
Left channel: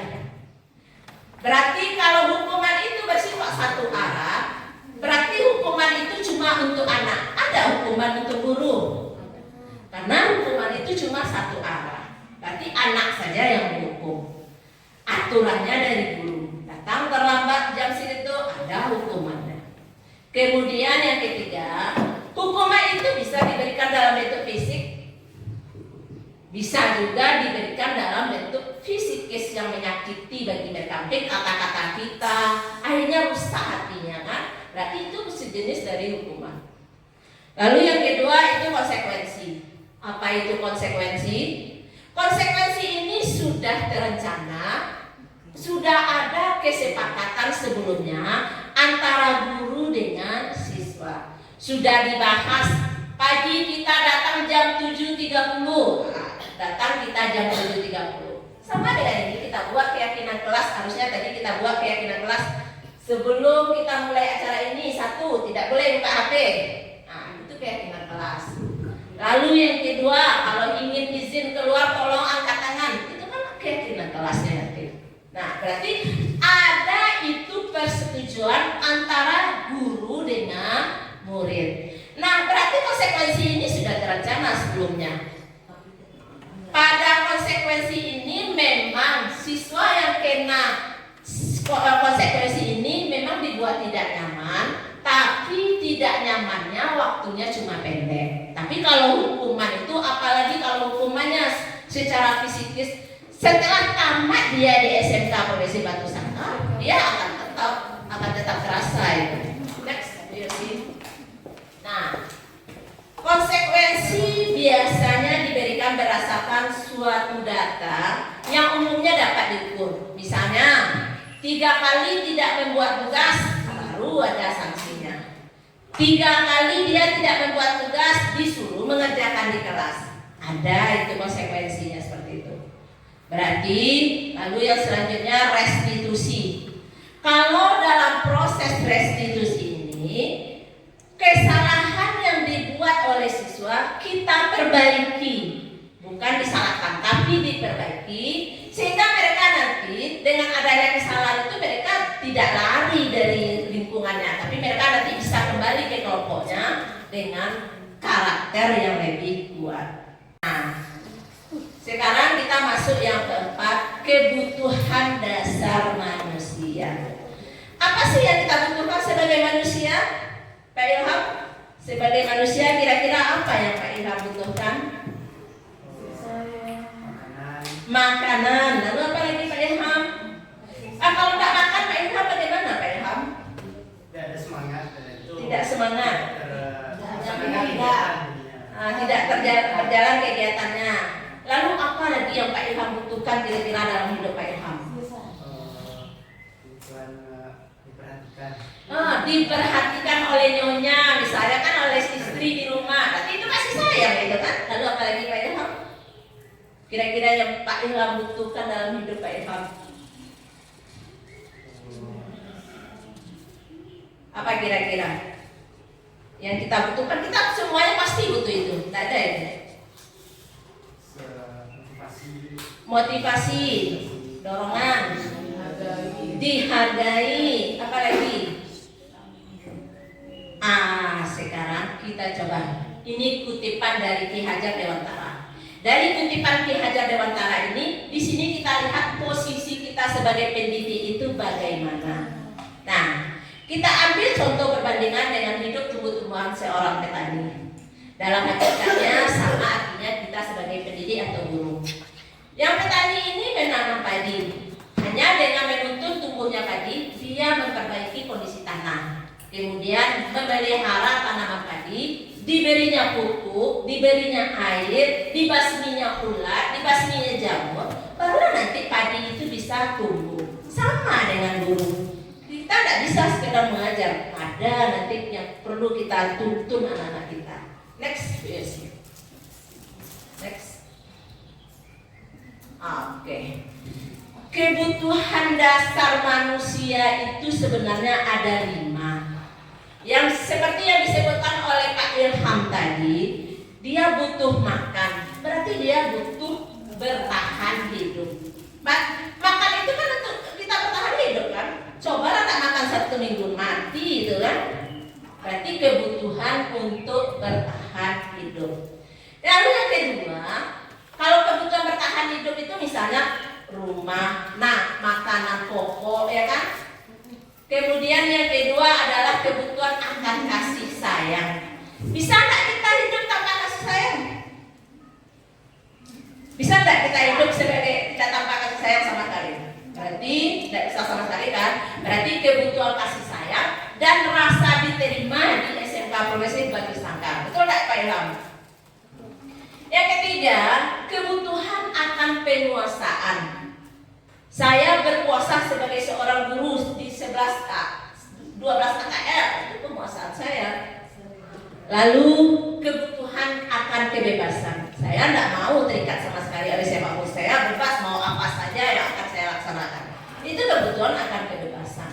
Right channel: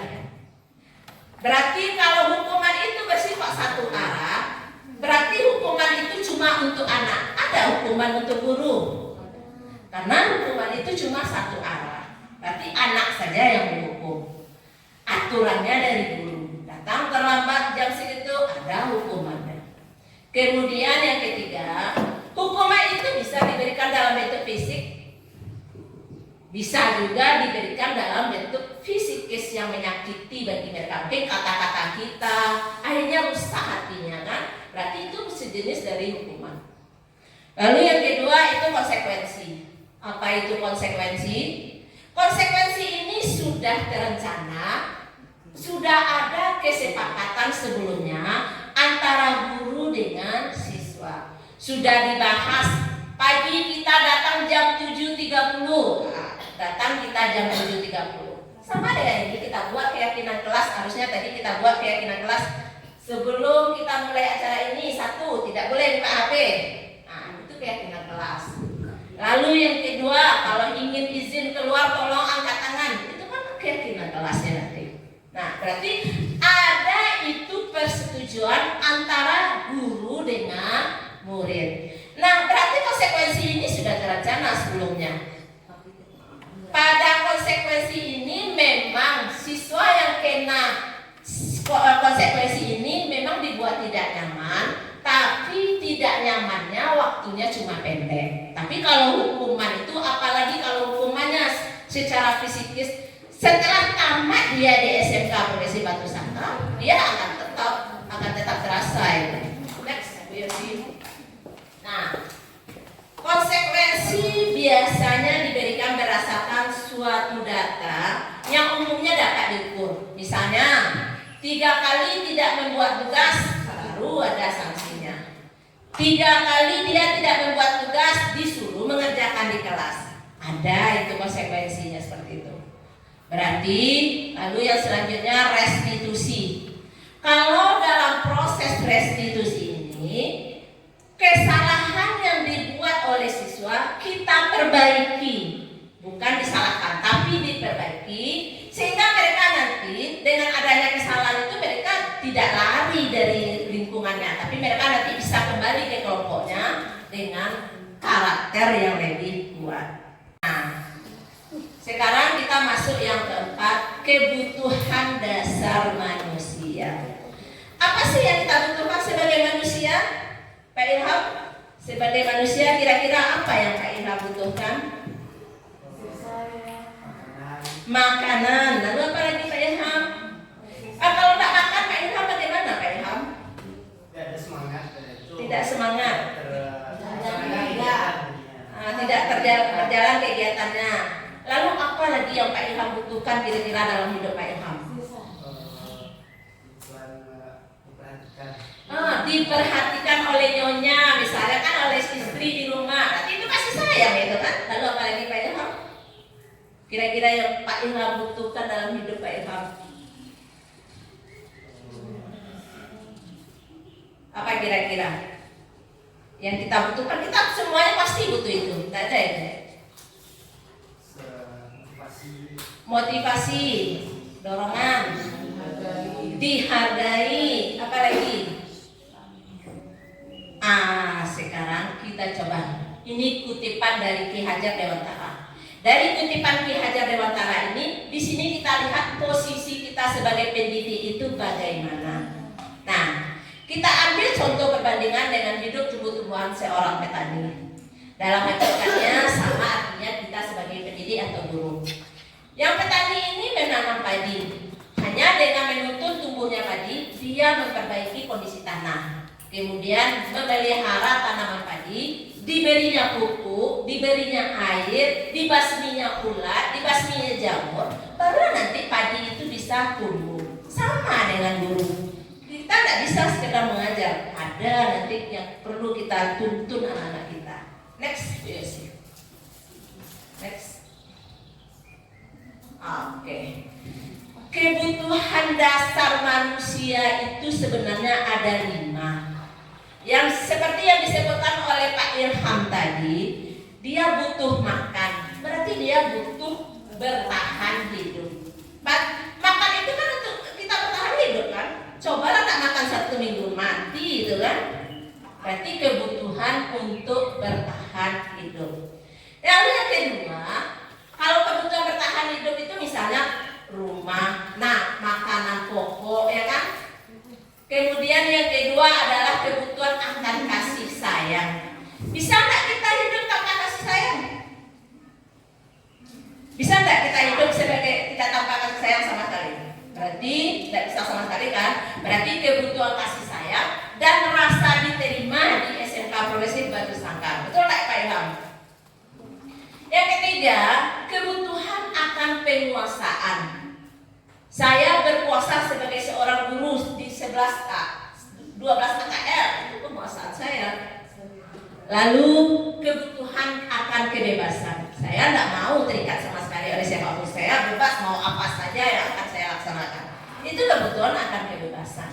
Berarti kalau hukuman itu bersifat satu arah, berarti hukuman itu cuma untuk anak. Ada hukuman untuk guru. Karena hukuman itu cuma satu arah. Berarti anak saja yang menghukum. Aturannya dari guru. Datang terlambat jam segitu ada hukumannya. Kemudian yang ketiga, hukuman itu bisa diberikan dalam bentuk fisik, bisa juga diberikan dalam bentuk fisikis yang menyakiti bagi mereka. Mungkin kata-kata kita akhirnya rusak hatinya kan. Berarti itu sejenis dari hukuman. Lalu yang kedua itu konsekuensi. Apa itu konsekuensi? Konsekuensi ini sudah terencana, sudah ada kesepakatan sebelumnya antara guru dengan siswa. Sudah dibahas, pagi kita datang jam 7.30. Datang kita jam 7.30. Sama dengan ini kita buat keyakinan kelas. Harusnya tadi kita buat keyakinan kelas sebelum kita mulai acara ini. Satu, tidak boleh buka HP. Nah, itu keyakinan kelas. Lalu yang kedua, kalau ingin izin keluar tolong angkat tangan. Itu kan keyakinan kelasnya nanti. Nah, berarti ada itu persetujuan antara guru dengan murid. Nah, berarti konsekuensi ini sudah terencana sebelumnya. Pada konsekuensi ini memang siswa yang kena konsekuensi ini memang dibuat tidak nyaman, tapi tidak nyamannya waktunya cuma pendek. Tapi kalau hukuman itu, apalagi kalau hukumannya secara fisikis, setelah tamat dia di SMK Progresif Batu Sangkar, dia akan tetap terasa itu. Next, nah, konsekuensi biasanya diberikan berdasarkan suatu data yang umumnya dapat diukur. Misalnya 3 kali tidak membuat tugas, baru ada sanksinya. 3 kali dia tidak membuat tugas, disuruh mengerjakan di kelas. Ada itu konsekuensinya seperti itu. Berarti lalu yang selanjutnya restitusi. Kalau dalam proses restitusi ini kesalahan yang dibuat oleh siswa kita perbaiki, bukan disalahkan tapi diperbaiki, sehingga mereka nanti dengan adanya kesalahan itu mereka tidak lari dari lingkungannya, tapi mereka nanti bisa kembali ke kelompoknya dengan karakter yang lebih kuat. Nah, sekarang kita masuk yang keempat, kebutuhan dasar manusia. Apa sih yang kita butuhkan sebagai manusia? Pak Ilham, sebagai manusia kira-kira apa yang Pak Ilham butuhkan? Makanan. Lalu apa lagi Pak Ilham? Kalau tak makan Pak Ilham bagaimana Pak Ilham? Tidak ada semangat. Tidak semangat. Tidak berjalan kegiatannya. Lalu apa lagi yang Pak Ilham butuhkan kira-kira dalam hidup Pak Ilham? Diperhatikan oleh nyonya, misalnya kan oleh istri di rumah. Berarti itu kasih sayang itu kan. Lalu apa lagi Pak Ilham? Kira-kira yang Pak Ilham butuhkan dalam hidup Pak Ilham? Apa kira-kira yang kita butuhkan? Kita semuanya pasti butuh itu, tidak ada itu. Motivasi, dorongan, dihargai, apa lagi? Sekarang kita coba. Ini kutipan dari Ki Hajar Dewantara. Dari kutipan Ki Hajar Dewantara ini, di sini kita lihat posisi kita sebagai pendidik itu bagaimana. Nah, kita ambil contoh perbandingan dengan hidup tumbuh-tumbuhan seorang petani. Dalam hakikatnya sama artinya kita sebagai pendidik atau guru. Yang petani ini menanam padi. Hanya dengan menuntun tumbuhnya padi, dia memperbaiki kondisi tanah. Kemudian memelihara tanaman padi, diberinya pupuk, diberinya air, dibasminya ulat, dibasminya jamur, baru nanti padi itu bisa tumbuh. Sama dengan guru. Kita tidak bisa sekedar mengajar, ada nanti yang perlu kita tuntun anak-anak kita. Next, yes. Next. Oke. Kebutuhan dasar manusia itu sebenarnya ada 5. Yang seperti yang disebutkan oleh Pak Ilham tadi, dia butuh makan, berarti dia butuh bertahan hidup. Makan itu kan untuk kita bertahan hidup kan. Cobalah tak makan 1 minggu mati itu kan. Berarti kebutuhan untuk bertahan hidup. Lalu yang kedua, kalau kebutuhan bertahan hidup itu misalnya rumah, makanan pokok ya kan. Kemudian yang kedua adalah kebutuhan akan kasih sayang. Bisa nggak kita hidup tanpa kasih sayang? Bisa nggak kita hidup sebagai tidak tanpa kasih sayang sama sekali? Berarti tidak bisa sama sekali kan? Berarti kebutuhan kasih sayang dan rasa diterima di SMK Progresif Batu Sangkar. Betul nggak Pak Ilham? Yang ketiga, kebutuhan akan penguasaan. Saya berkuasa sebagai seorang guru di 12 AKL, itu penguasaan saya. Lalu kebutuhan akan kebebasan. Saya tidak mau terikat sama sekali oleh siapapun. Saya bebas mau apa saja yang akan saya laksanakan. Itu kebutuhan akan kebebasan.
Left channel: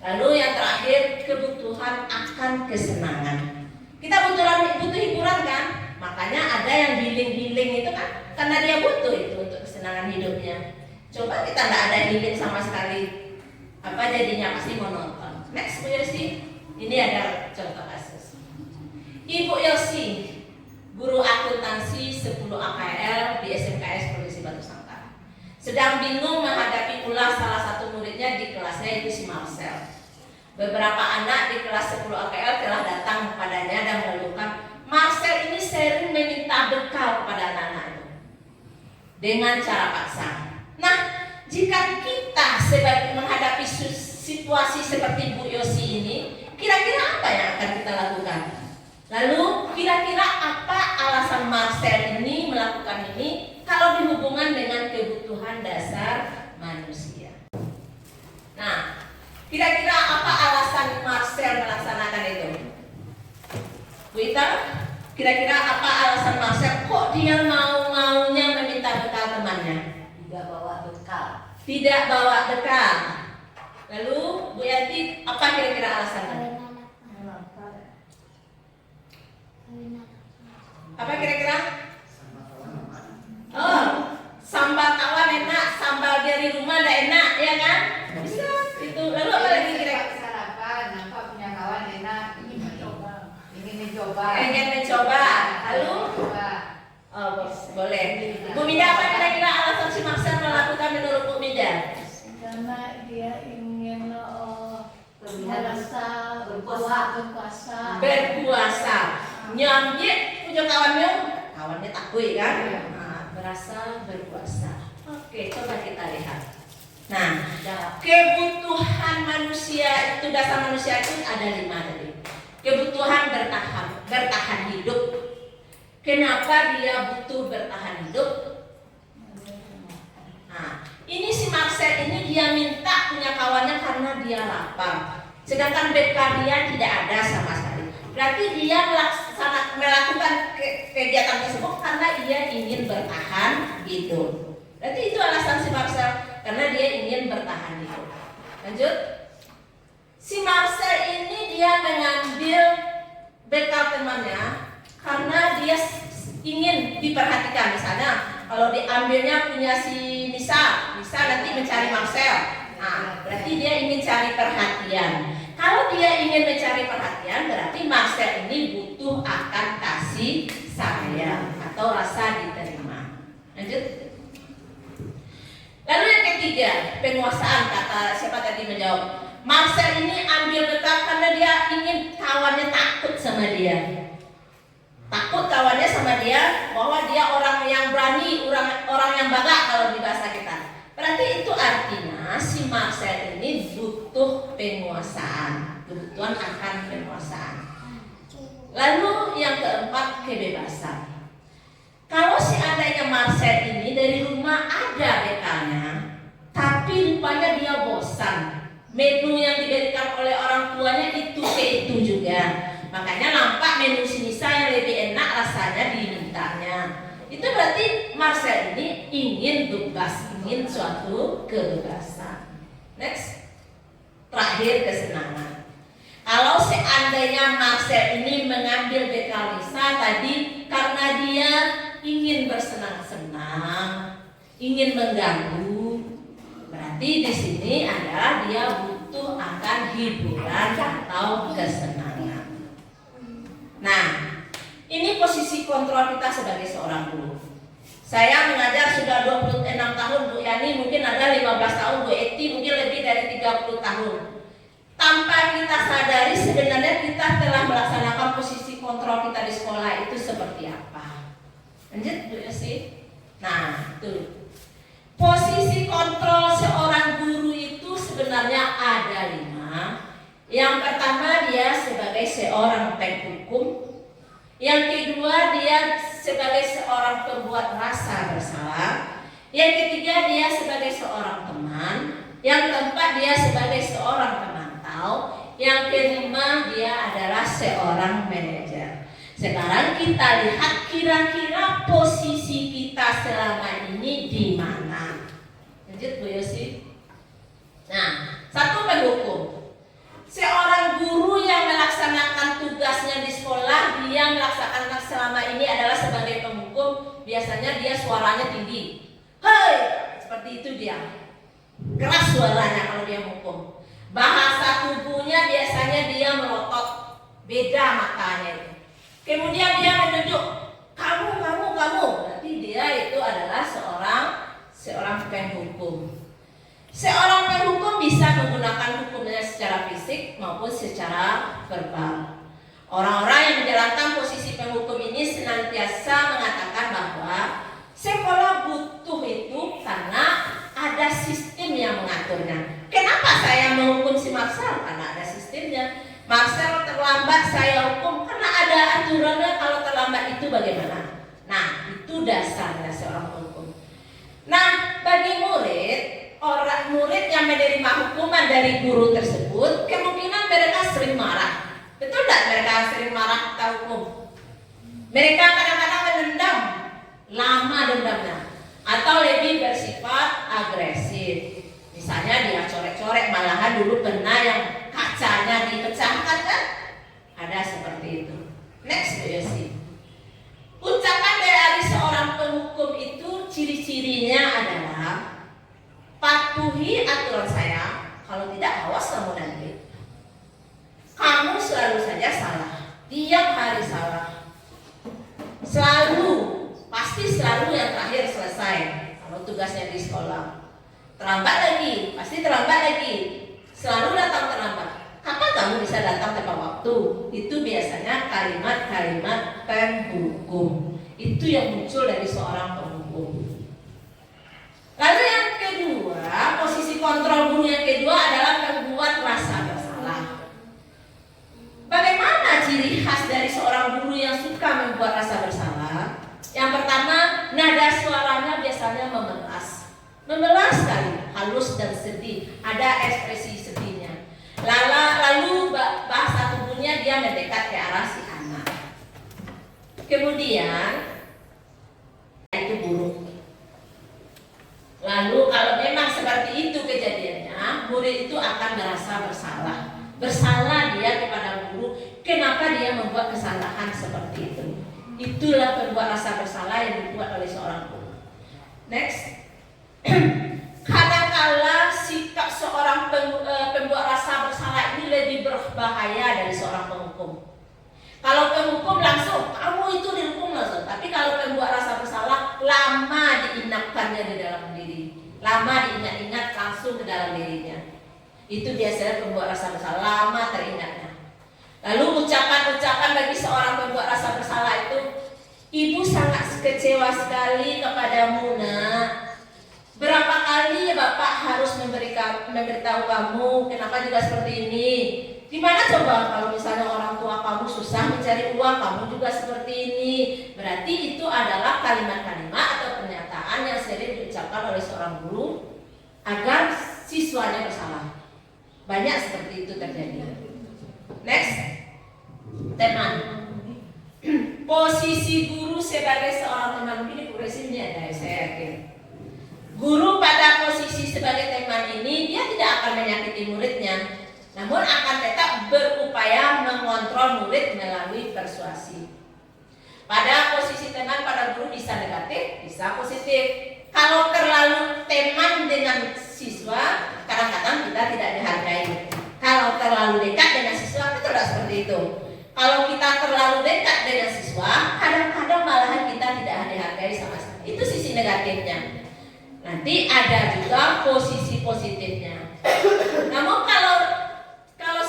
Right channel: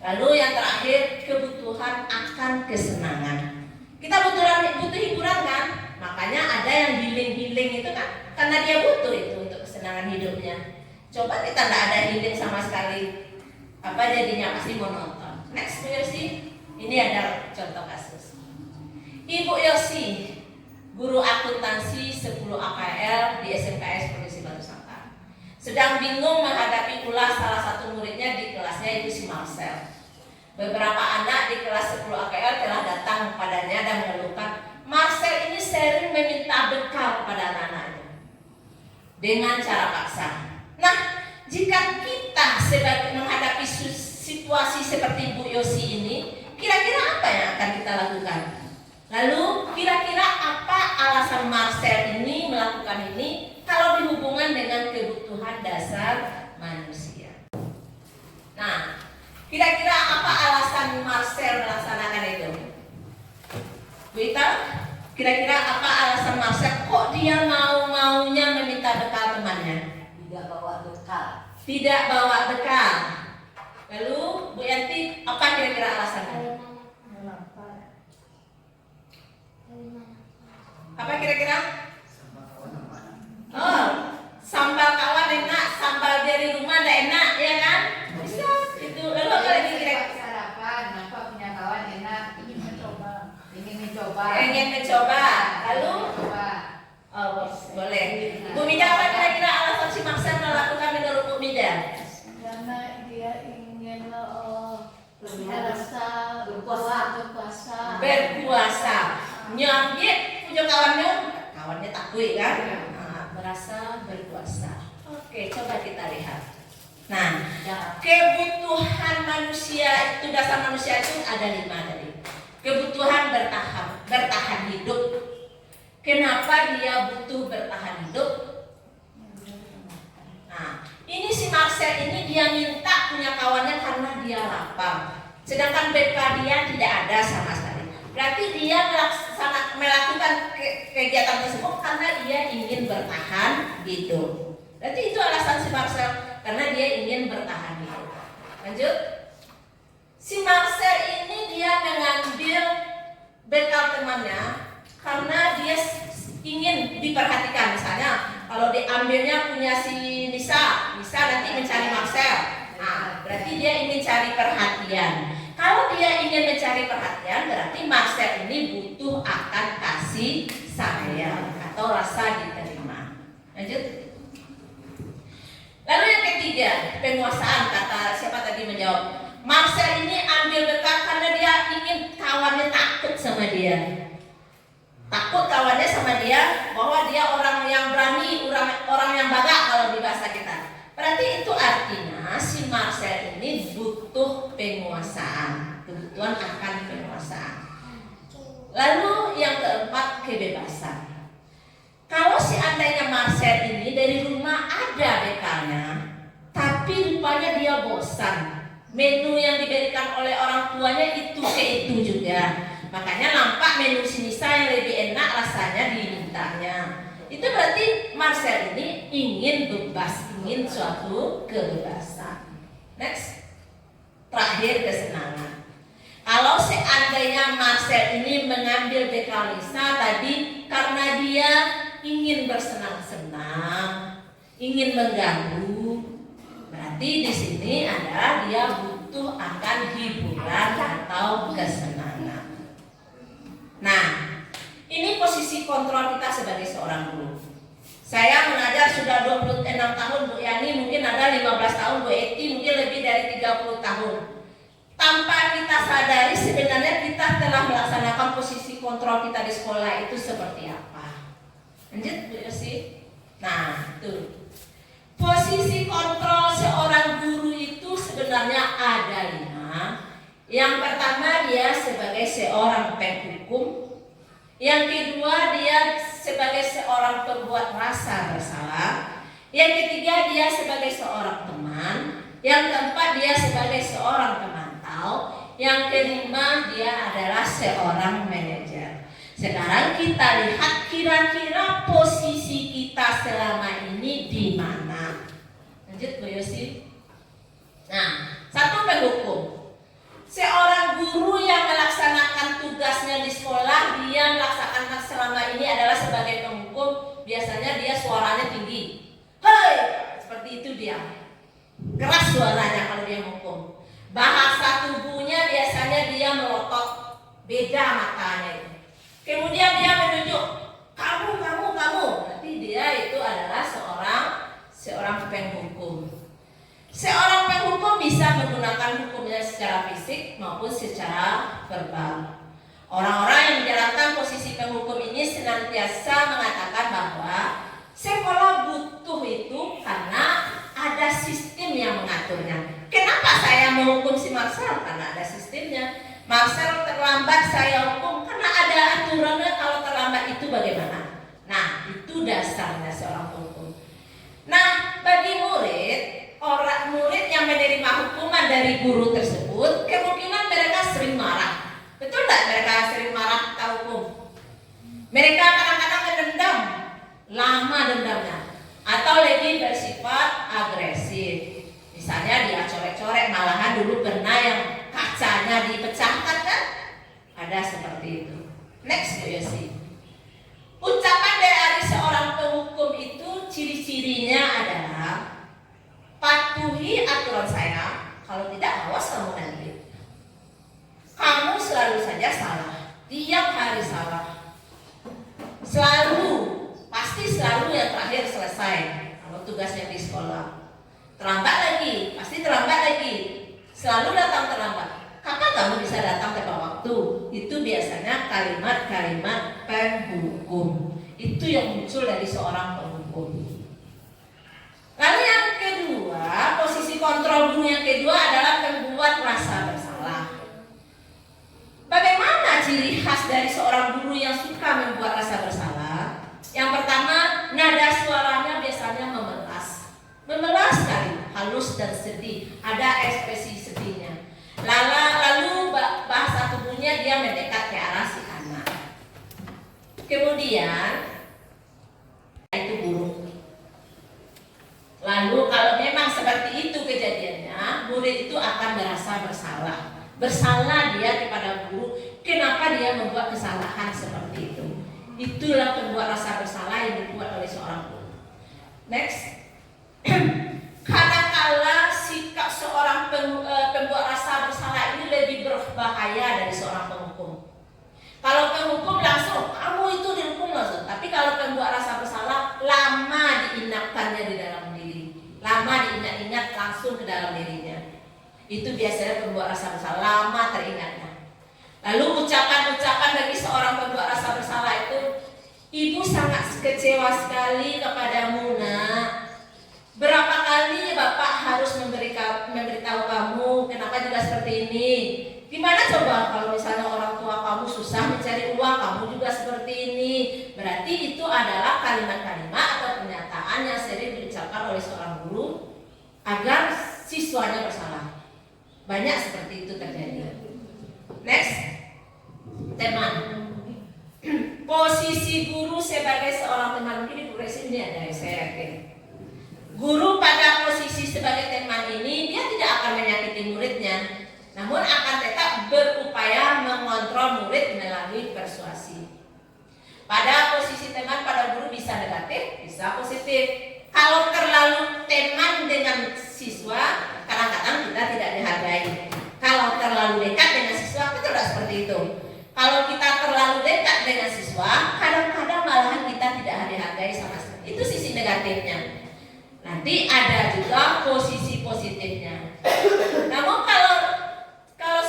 Lalu yang terakhir, kebutuhan akan kesenangan. Kita butuh hiburan kan? Makanya ada yang healing itu kan karena dia butuh itu untuk kesenangan hidupnya. Coba kita nggak ada healing sama sekali, apa jadinya? Pasti mau nonton. Next Bu Yosi, ini ada contoh kasus. Ibu Yosi, guru akuntansi 10 AKL di SMKS Provinsi Batu Sangkar, sedang bingung menghadapi ulas salah satu muridnya di kelasnya itu si Marcel. Beberapa anak di kelas 10 AKL telah datang kepadanya dan mengeluhkan Marcel ini sering meminta bekal kepada anak-anaknya dengan cara paksa. Nah, jika kita sebagai menghadapi situasi seperti Bu Yosi ini, kira-kira apa yang akan kita lakukan? Lalu, kira-kira apa alasan Marcel ini melakukan ini kalau dihubungkan dengan kebutuhan dasar manusia? Nah, kira-kira apa alasan Marcel melaksanakan itu? Bu Ita, kira-kira apa alasan Marcel kok dia mau-maunya meminta bekal temannya? Tidak bawa bekal. Lalu Bu Yanti, apa kira-kira alasannya? Apa kira-kira? Oh, sambal kawan enak, sambal dari rumah ada enak, ya kan? Bisa. Itu. Lalu apa lagi kira-kira? Sarapan, nampak punya kawan enak, ingin mencoba. Ingin mencoba. Lalu? Oh, boleh. Bu Mida, apa kira-kira alasan si Marcel melakukan menurut Bu Mida? Karena dia ingin merasa berkuasa. Nyambil punya kawannya takut kan? Merasa berkuasa. Oke, coba kita lihat. Nah, kebutuhan manusia itu, dasar manusia itu ada 5 tadi. Kebutuhan bertahan hidup. Kenapa dia butuh bertahan hidup? Nah, ini si Marcel ini dia minta punya kawannya karena dia lapar. Sedangkan bekal dia tidak ada sama sekali. Berarti dia melakukan kegiatan tersebut karena dia ingin bertahan hidup. Berarti itu alasan si Marcel, karena dia ingin bertahan hidup. Lanjut. Si Marcel ini dia mengambil bekal temannya karena dia ingin diperhatikan. Misalnya kalau diambilnya punya si Nisa nanti mencari Marcel. Nah, berarti dia ingin cari perhatian. Kalau dia ingin mencari perhatian, berarti Marcel ini butuh akan kasih sayang atau rasa diterima. Lanjut. Lalu yang ketiga, penguasaan. Kata siapa tadi menjawab? Marcel ini ambil bekal karena dia ingin kawannya takut sama dia. Takut kawannya sama dia, bahwa dia orang yang berani, orang yang bagak kalau di bahasa kita. Berarti itu artinya si Marcel ini butuh penguasaan, kebutuhan akan penguasaan. Lalu yang keempat, kebebasan. Kalau seandainya Marcel ini dari rumah ada bekalnya, tapi rupanya dia bosan. Menu yang diberikan oleh orang tuanya itu juga. Makanya nampak menu si Nisa yang lebih enak rasanya dimintanya. Itu berarti Marcel ini ingin bebas, ingin suatu kebebasan. Next. Terakhir, kesenangan. Kalau seandainya Marcel ini mengambil bekal Nisa tadi karena dia ingin bersenang-senang, ingin mengganggu, berarti di sini adalah dia butuh akan hiburan atau kesenangan. Nah, ini posisi kontrol kita sebagai seorang guru. Saya mengajar sudah 26 tahun, Bu Yani mungkin ada 15 tahun, Bu Eti mungkin lebih dari 30 tahun. Tanpa kita sadari sebenarnya kita telah melaksanakan posisi kontrol kita di sekolah itu seperti apa. Lanjut Bu Yosi. Nah, itu. Posisi kontrol seorang guru itu sebenarnya ada 5. Yang pertama, dia sebagai seorang penghukum. Yang kedua, dia sebagai seorang pembuat rasa bersalah. Yang ketiga, dia sebagai seorang teman. Yang keempat, dia sebagai seorang pemantau. Yang kelima, dia adalah seorang manajer. Sekarang kita lihat kira-kira posisi kita selama ini di mana. Lanjut Bu Yosi. Nah, satu, penghukum. Seorang guru yang melaksanakan tugasnya di sekolah, dia melaksanakan selama ini adalah sebagai penghukum. Biasanya dia suaranya tinggi. Hei, seperti itu dia. Keras suaranya kalau dia menghukum. Bahasa tubuhnya biasanya dia melotot, beda matanya itu. Kemudian dia menunjuk, kamu. Berarti dia itu adalah seorang penghukum. Seorang penghukum bisa menggunakan hukumnya secara fisik maupun secara verbal. Orang-orang yang menjalankan posisi penghukum ini senantiasa mengatakan bahwa sekolah butuh itu karena ada sistem yang mengaturnya. Kenapa saya menghukum si Marcel? Karena ada sistemnya. Marcel terlambat, saya hukum karena ada aturannya. Kalau terlambat itu bagaimana? Nah, itu dasarnya seorang penghukum. Nah, bagi orang murid yang menerima hukuman dari guru tersebut, kemungkinan mereka sering marah. Betul tidak mereka sering marah kita hukum? Mereka kadang-kadang mendendam, lama dendamnya, atau lebih bersifat agresif. Misalnya dia coret-coret, malahan dulu pernah yang kacanya dipecahkan kan? Ada seperti itu. Next Bu Yosi. Ucapan dari seorang penghukum itu ciri-cirinya adalah patuhi aturan saya, kalau tidak awas kamu nanti. Kamu selalu saja salah, tiap hari salah. Pasti selalu yang terakhir selesai kalau tugasnya di sekolah. Terlambat lagi, pasti terlambat lagi. Selalu datang terlambat. Kapan kamu bisa datang tepat waktu? Itu biasanya kalimat-kalimat penghukum. Itu yang muncul dari seorang penghukum. Lalu yang kedua, posisi kontrol guru yang kedua adalah membuat rasa bersalah. Bagaimana ciri khas dari seorang guru yang suka membuat rasa bersalah? Yang pertama, nada suaranya biasanya memelas sekali, halus dan sedih, ada ekspresi sedihnya. Lalu bahasa tubuhnya dia mendekat ke arah si anak. Kemudian itu buruk. Lalu kalau memang seperti itu kejadiannya, murid itu akan merasa bersalah. Bersalah dia kepada guru, kenapa dia membuat kesalahan seperti itu. Itulah pembuat rasa bersalah yang dibuat oleh seorang guru. Next. Kadang-kala sikap seorang pembuat rasa bersalah ini lebih berbahaya dari seorang penghukum. Kalau penghukum langsung, kamu itu dihukum langsung. Tapi kalau pembuat rasa bersalah, lama diingatkannya di dalam diri, lama diingat-ingat langsung ke dalam dirinya. Itu biasanya pembuat rasa bersalah, lama teringatnya. Lalu ucapan-ucapan dari seorang pembuat rasa bersalah itu, ibu sangat kecewa sekali kepadamu, nak. Berapa kali Bapak harus memberitahu kamu kenapa juga seperti ini? Gimana coba kalau misalnya orang tua kamu susah mencari uang, kamu juga seperti ini? Berarti itu adalah kalimat-kalimat atau pernyataan yang sering diucapkan oleh seorang guru agar siswanya bersalah. Banyak seperti itu terjadi. Next, teman. Posisi guru sebagai seorang teman, ini progresifnya ada, saya yakin. Guru pada posisi sebagai teman ini, dia tidak akan menyakiti muridnya, namun akan tetap berupaya mengontrol murid melalui persuasi. Pada posisi teman, pada guru bisa negatif, bisa positif. Kalau terlalu teman dengan siswa, kadang-kadang kita tidak dihargai. Kalau terlalu dekat dengan siswa, kita tidak seperti itu. Kalau kita terlalu dekat dengan siswa, kadang-kadang malahan kita tidak dihargai sama sekali. Itu sisi negatifnya. Nanti ada juga posisi positifnya. Namun kalau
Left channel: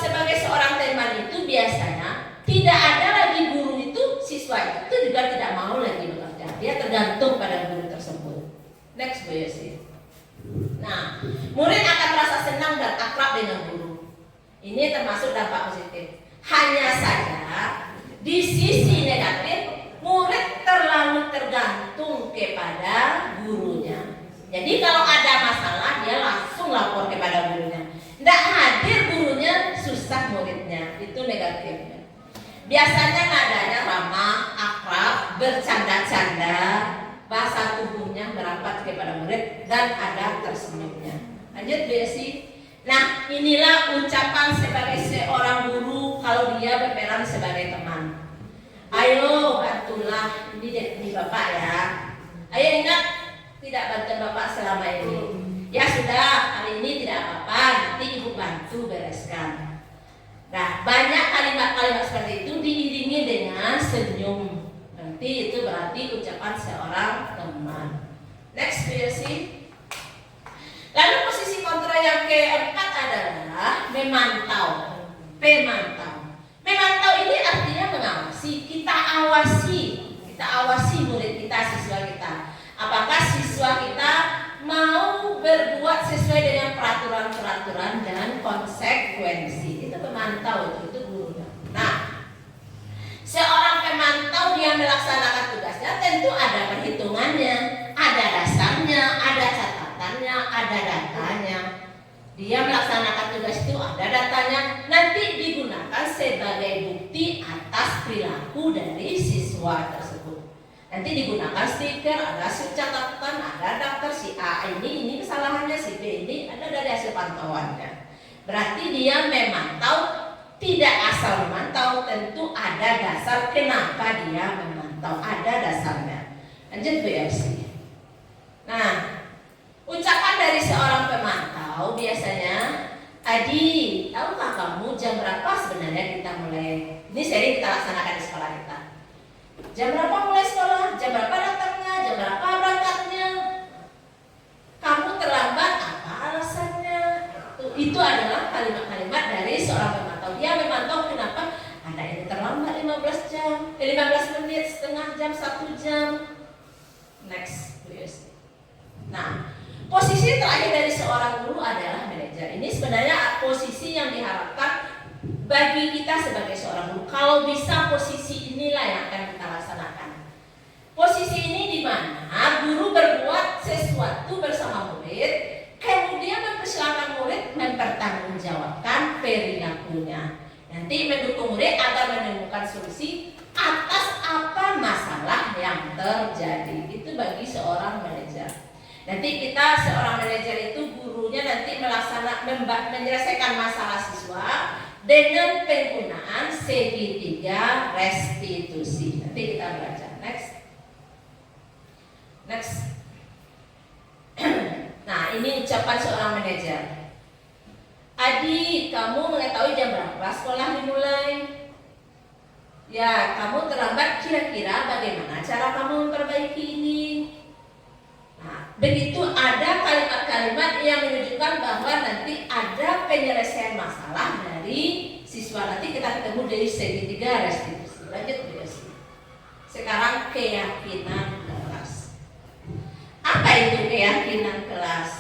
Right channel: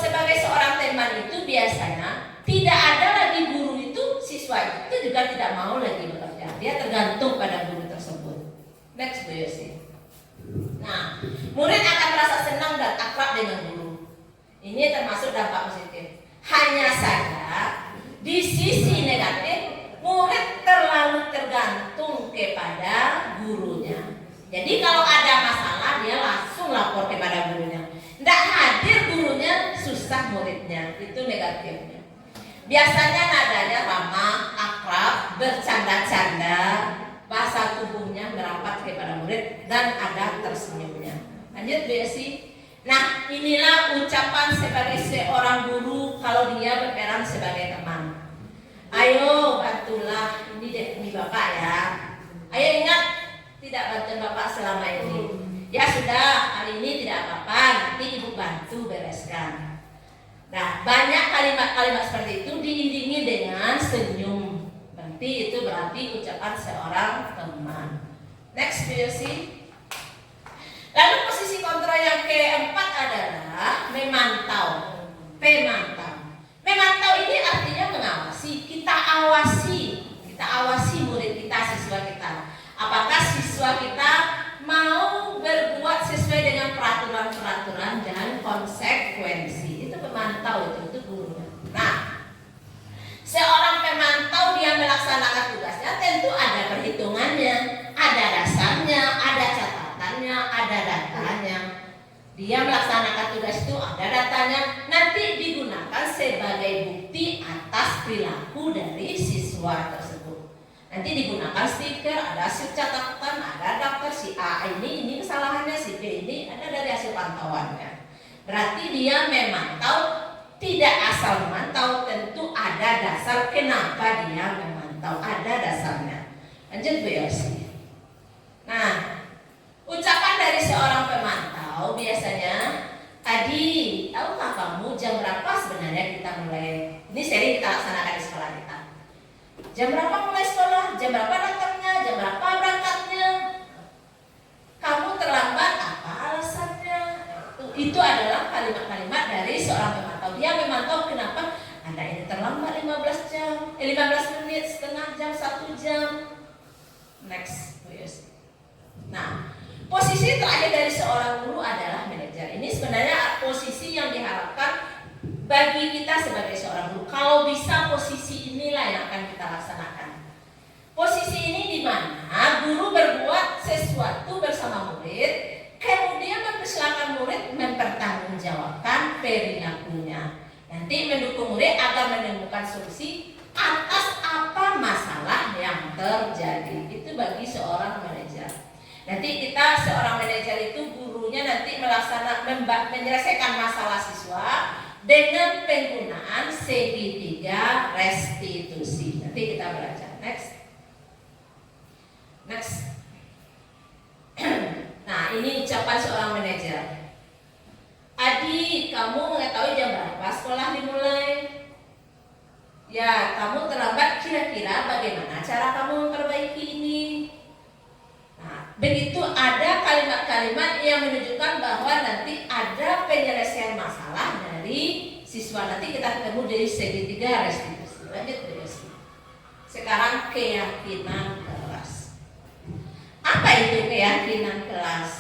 sebagai seorang teman itu biasanya tidak ada lagi guru itu, siswa itu juga tidak mau lagi bekerja. Dia tergantung pada guru tersebut. Next, Bu Yosi. Nah, murid akan merasa senang dan akrab dengan guru. Ini termasuk dampak positif. Hanya saja di sisi negatif, murid terlalu tergantung kepada gurunya. Jadi kalau ada masalah, dia langsung lapor kepada gurunya. Tidak hadir gurunya, susah muridnya. Itu negatifnya. Biasanya nadanya ramah, akrab, bercanda-canda, bahasa tubuhnya merapat kepada murid, dan ada tersenyumnya. Lanjut, Bu Yosi. Nah, inilah ucapan sebagai seorang guru kalau dia berperan sebagai teman. Ayo bantulah, ini Bapak ya. Ayo ingat, tidak bantu Bapak selama ini. Ya sudah, hari ini tidak apa-apa, nanti Ibu bantu bereskan. Nah, banyak kalimat-kalimat seperti itu diiringi dengan senyum. Berarti itu berarti ucapan seorang teman. Next, Bu Yosi. Lalu posisi kontrol yang keempat adalah memantau. Memantau ini artinya mengawasi. Kita awasi murid kita, siswa kita. Apakah siswa kita mau berbuat sesuai dengan peraturan-peraturan dan konsekuensi? Itu pemantau, itu gurunya. Nah, seorang pemantau dia melaksanakan tugasnya tentu ada perhitungannya, ada dasarnya, ada catatannya, ada datanya. Dia melaksanakan tugas itu ada datanya, nanti digunakan sebagai bukti atas perilaku dari siswa tersebut. Nanti digunakan stiker, ada catatan, ada daftar si A ini kesalahannya, si B ini ada dari hasil pantauannya. Berarti dia memantau, tidak asal memantau, tentu ada dasar kenapa dia memantau, ada dasarnya. Lanjut, Bu Yosi. Nah, ucapan dari seorang pemantau biasanya, Adi, tahukah kamu jam berapa sebenarnya kita mulai? Ini sering kita laksanakan di sekolah kita. Jam berapa mulai sekolah? Jam berapa datangnya? Jam berapa berangkatnya? Kamu terlambat, apa alasannya? Itu adalah kalimat-kalimat dari seorang pemantau. Dia memantau kenapa Anda ini terlambat 15 menit, setengah jam, 1 jam. Next, Bu Yosi. Nah, Posisi terakhir dari seorang guru adalah manajer. Ini sebenarnya posisi yang diharapkan bagi kita sebagai seorang guru. Kalau bisa posisi inilah yang akan kita laksanakan. Posisi ini di mana guru berbuat sesuatu bersama murid, kemudian mempersilahkan murid mempertanggungjawabkan perilakunya. Nanti mendukung murid agar menemukan solusi atas apa masalah yang terjadi. Itu bagi seorang manajer. Nanti kita seorang manajer itu gurunya nanti menyelesaikan masalah siswa dengan penggunaan segitiga restitusi. Nanti kita belajar. Next. Nah, ini ucapan seorang manajer. Adik, kamu mengetahui jam berapa sekolah dimulai? Ya, kamu terlambat. Kira-kira bagaimana cara kamu memperbaiki ini? Nah, begitu ada kalimat-kalimat yang menunjukkan bahwa nanti ada penyelesaian masalah dari siswa. Nanti kita ketemu dari segitiga restitusi. Lanjut terus. Sekarang keyakinan kelas. Apa itu keyakinan kelas?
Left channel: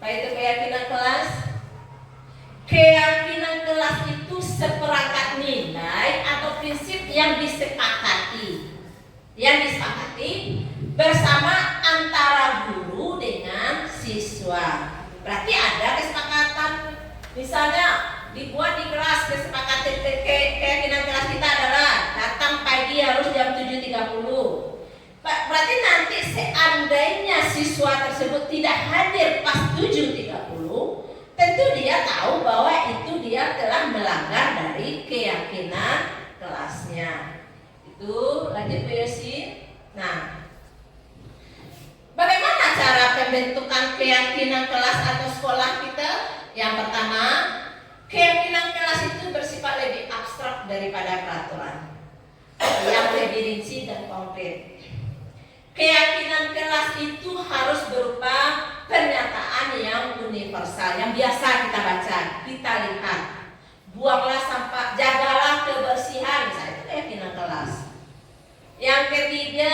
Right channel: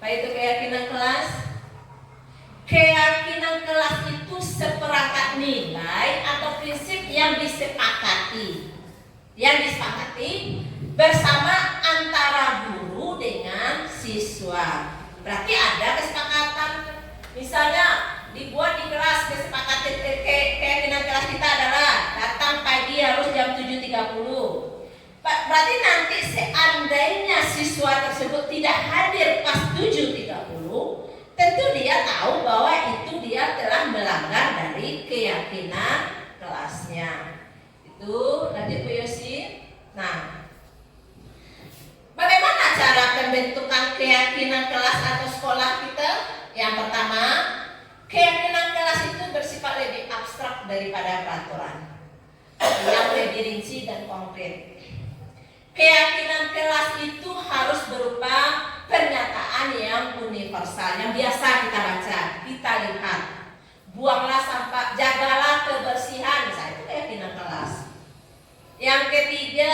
Apa itu keyakinan kelas? Keyakinan kelas itu seperangkat nilai atau prinsip yang disepakati bersama antara guru dengan siswa. Berarti ada kesepakatan. Misalnya dibuat di kelas kesepakatan keyakinan kelas kita adalah datang pagi harus jam 7.30. Berarti nanti seandainya siswa tersebut tidak hadir pas 7.30, tentu dia tahu bahwa itu dia telah melanggar dari keyakinan kelasnya. Itu lanjut Bu Yosi. Nah, bagaimana cara pembentukan keyakinan kelas atau sekolah kita? Yang pertama, keyakinan kelas itu bersifat lebih abstrak daripada peraturan, yang lebih rinci dan konkret. Keyakinan kelas itu harus berupa pernyataan yang universal, yang biasa kita baca, kita lihat. Buanglah sampah, jagalah kebersihan, misalnya itu keyakinan kelas. Yang ketiga,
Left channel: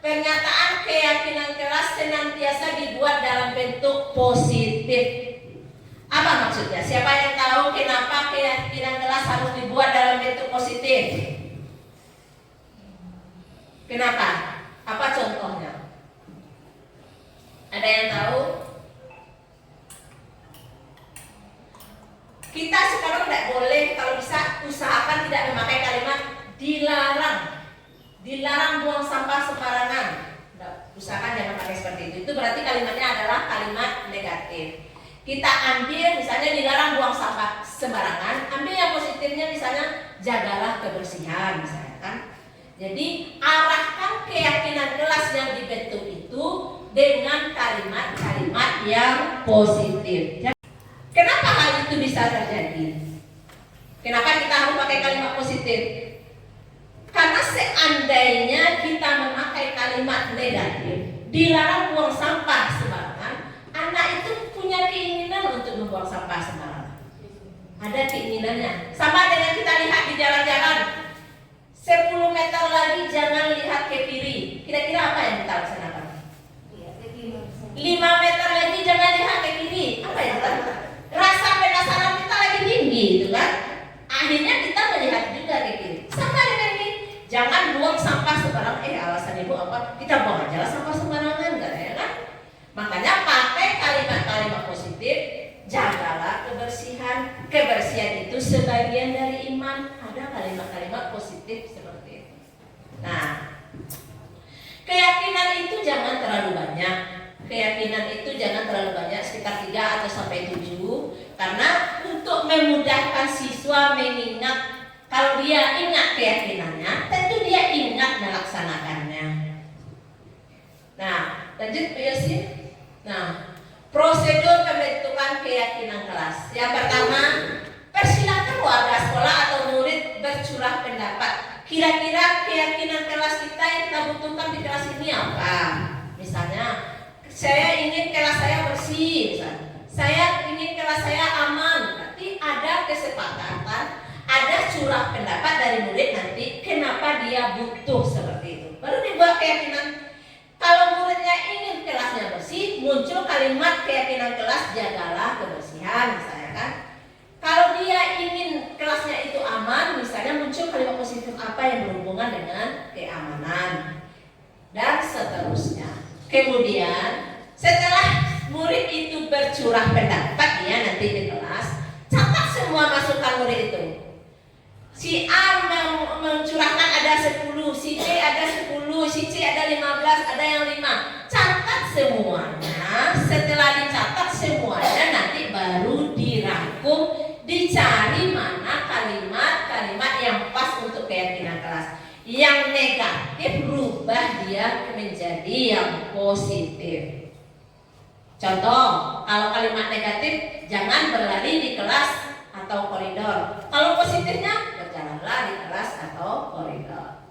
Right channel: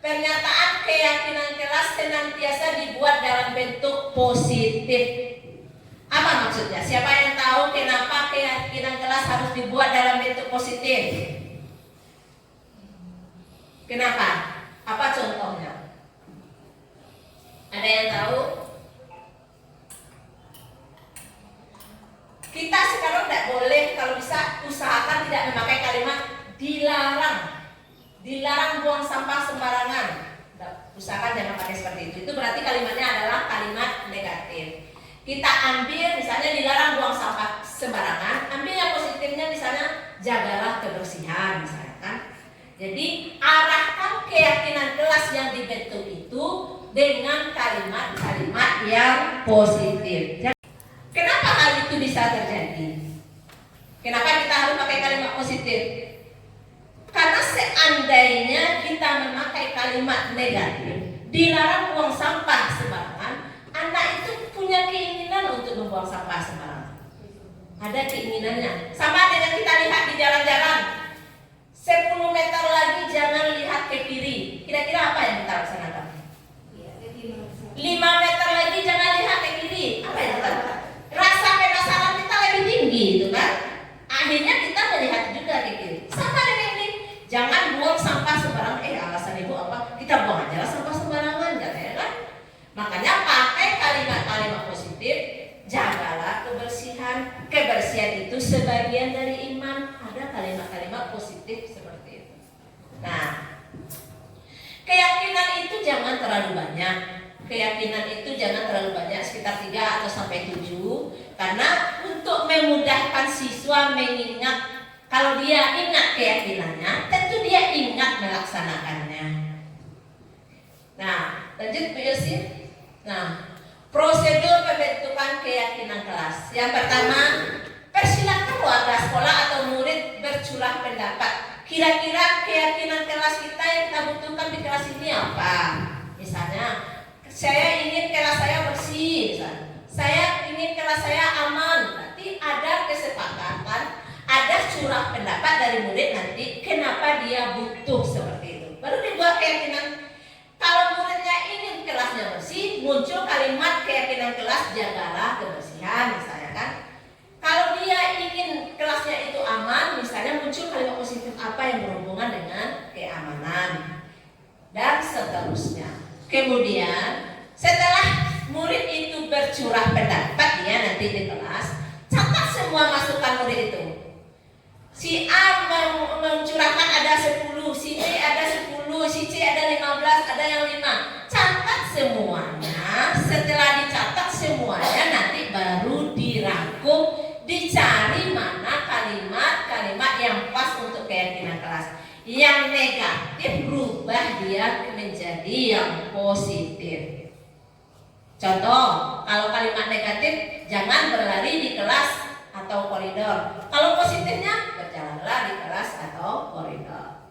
pernyataan keyakinan kelas senantiasa dibuat dalam bentuk positif. Apa maksudnya? Siapa yang tahu kenapa keyakinan kelas harus dibuat dalam bentuk positif? Kenapa? Apa contohnya? Ada yang tahu? Kita sekarang tidak boleh, kalau bisa usahakan tidak memakai kalimat dilarang. Dilarang buang sampah sembarangan. Usahakan jangan pakai seperti itu. Itu berarti kalimatnya adalah kalimat negatif. Kita ambil misalnya dilarang buang sampah sembarangan, ambil yang positifnya misalnya jagalah kebersihan misalnya kan. Jadi arahkan keyakinan kelas yang dibentuk itu dengan kalimat-kalimat yang positif. Kenapa hal itu bisa terjadi? Kenapa kita harus pakai kalimat positif? Karena seandainya kita memakai kalimat negatif, dilarang buang sampah sembarangan, anak itu punya keinginan untuk membuang sampah sembarangan. Ada keinginannya. Sama dengan kita lihat di jalan-jalan. 10 meter lagi jangan lihat ke kiri. Kira-kira apa yang kita laksanakan? 5 meter lagi jangan lihat ke kiri. Apa yang kita lakukan? Rasa penasaran kita lagi tinggi, gitu kan? Akhirnya kita melihat juga ke kiri. Sama dengan ini. Jangan buang sampah sembarangan. Alasan ibu apa? Kita buang aja lah sampah sembarangan, katanya kan? Makanya pakai kalimat-kalimat positif. Jagalah kebersihan. Kebersihan itu sebagian dari iman. Ada kalimat-kalimat positif seperti itu. Nah, keyakinan itu jangan terlalu banyak. Keyakinan itu jangan terlalu banyak, sekitar 3 atau sampai 7. Karena untuk memudahkan siswa mengingat, kalau dia ingat keyakinannya, tentu dia ingat melaksanakannya. Nah, lanjut Bu Yosi. Nah, prosedur pembentukan keyakinan kelas. Yang pertama, persilakan warga sekolah atau murid bercurah pendapat. Kira-kira keyakinan kelas kita yang kita butuhkan di kelas ini apa? Misalnya, saya ingin kelas saya bersih, misalnya. Saya ingin kelas saya aman. Berarti ada kesepakatan, ada curah pendapat dari murid nanti kenapa dia butuh seperti itu. Baru dibuat keyakinan. Kalau muridnya ingin kelasnya bersih, muncul kalimat keyakinan kelas, jagalah kebersihan misalnya kan. Kalau dia ingin kelasnya itu aman, misalnya muncul kalimat positif apa yang berhubungan dengan keamanan dan seterusnya. Kemudian setelah murid itu bercurah pendapat ya nanti di kelas, catat semua masukan murid itu. Si A mencurahkan ada 10, si B ada 10, si C ada 15, ada yang 5. Catat semuanya. Setelah dicatat semuanya nanti baru dirangkum, dicari mana kalimat-kalimat yang pas untuk keyakinan kelas. Yang negatif rubah dia menjadi yang positif. Contoh, kalau kalimat negatif jangan berlari di kelas atau koridor. Kalau positifnya berjalanlah di kelas atau koridor.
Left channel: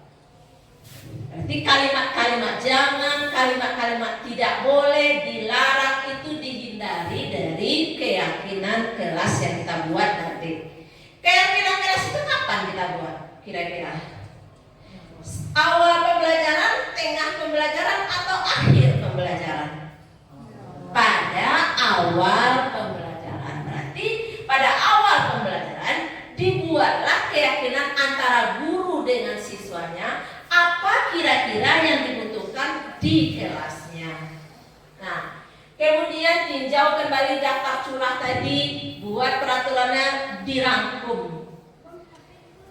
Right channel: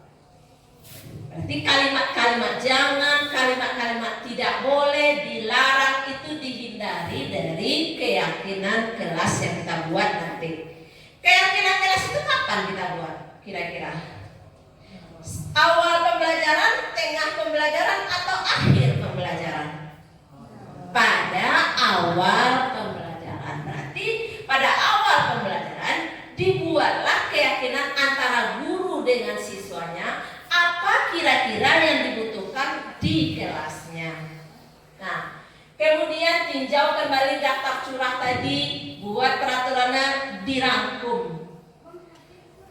Berarti kalimat-kalimat jangan, kalimat-kalimat tidak boleh, dilarang itu dihindari dari keyakinan kelas yang kita buat nanti. Keyakinan kelas itu kapan kita buat? Kira-kira awal pembelajaran, tengah pembelajaran, atau akhir pembelajaran? Pada awal pembelajaran. Berarti pada awal pembelajaran dibuatlah keyakinan antara guru dengan siswanya, apa kira-kira yang dibutuhkan di kelasnya. Nah, kemudian tinjau kembali daftar curah tadi, buat peraturannya, dirangkum.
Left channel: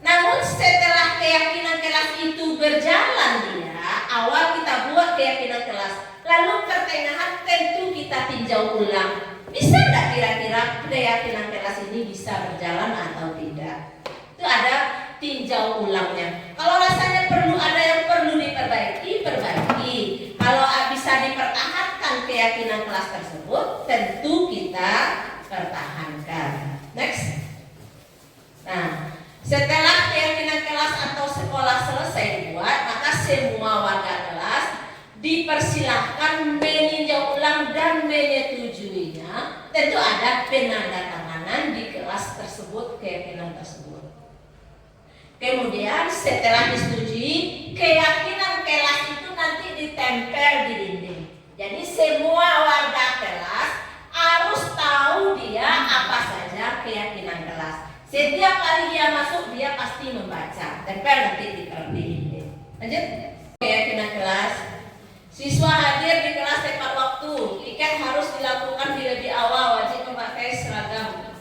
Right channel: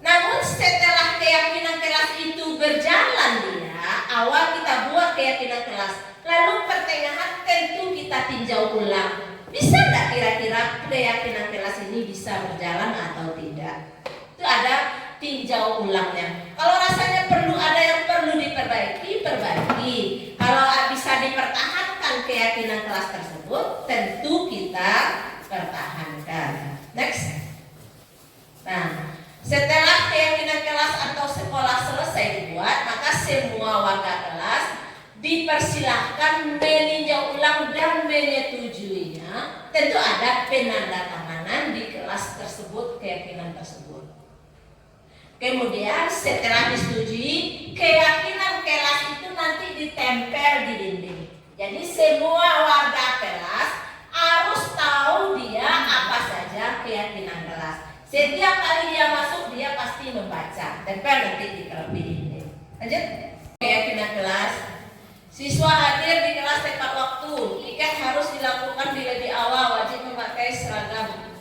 Namun setelah keyakinan kelas itu berjalan dia, awal kita buat keyakinan kelas, lalu pertengahan tentu kita tinjau ulang. Bisa nggak kira-kira keyakinan kelas ini bisa berjalan atau tidak? Itu ada tinjau ulangnya. Kalau rasanya perlu ada yang perlu diperbaiki, perbaiki. Kalau bisa dipertahankan keyakinan kelas tersebut, tentu kita pertahankan. Next. Nah, setelah keyakinan kelas atau sekolah selesai dibuat, maka semua warga kelas dipersilahkan meninjau ulang dan menyetujuinya. Tentu ada penandatanganan di kelas tersebut, keyakinan tersebut. Kemudian setelah disetujui, keyakinan kelas itu nanti ditempel di dinding. Jadi semua warga kelas harus tahu dia apa saja keyakinan kelas. Setiap kali dia masuk, dia pasti membaca. Tempel nanti di dinding. Lanjut. Keyakinan kelas. Siswa hadir di kelas tepat waktu. Tiket harus dilakukan di lebih awal. Wajib memakai seragam.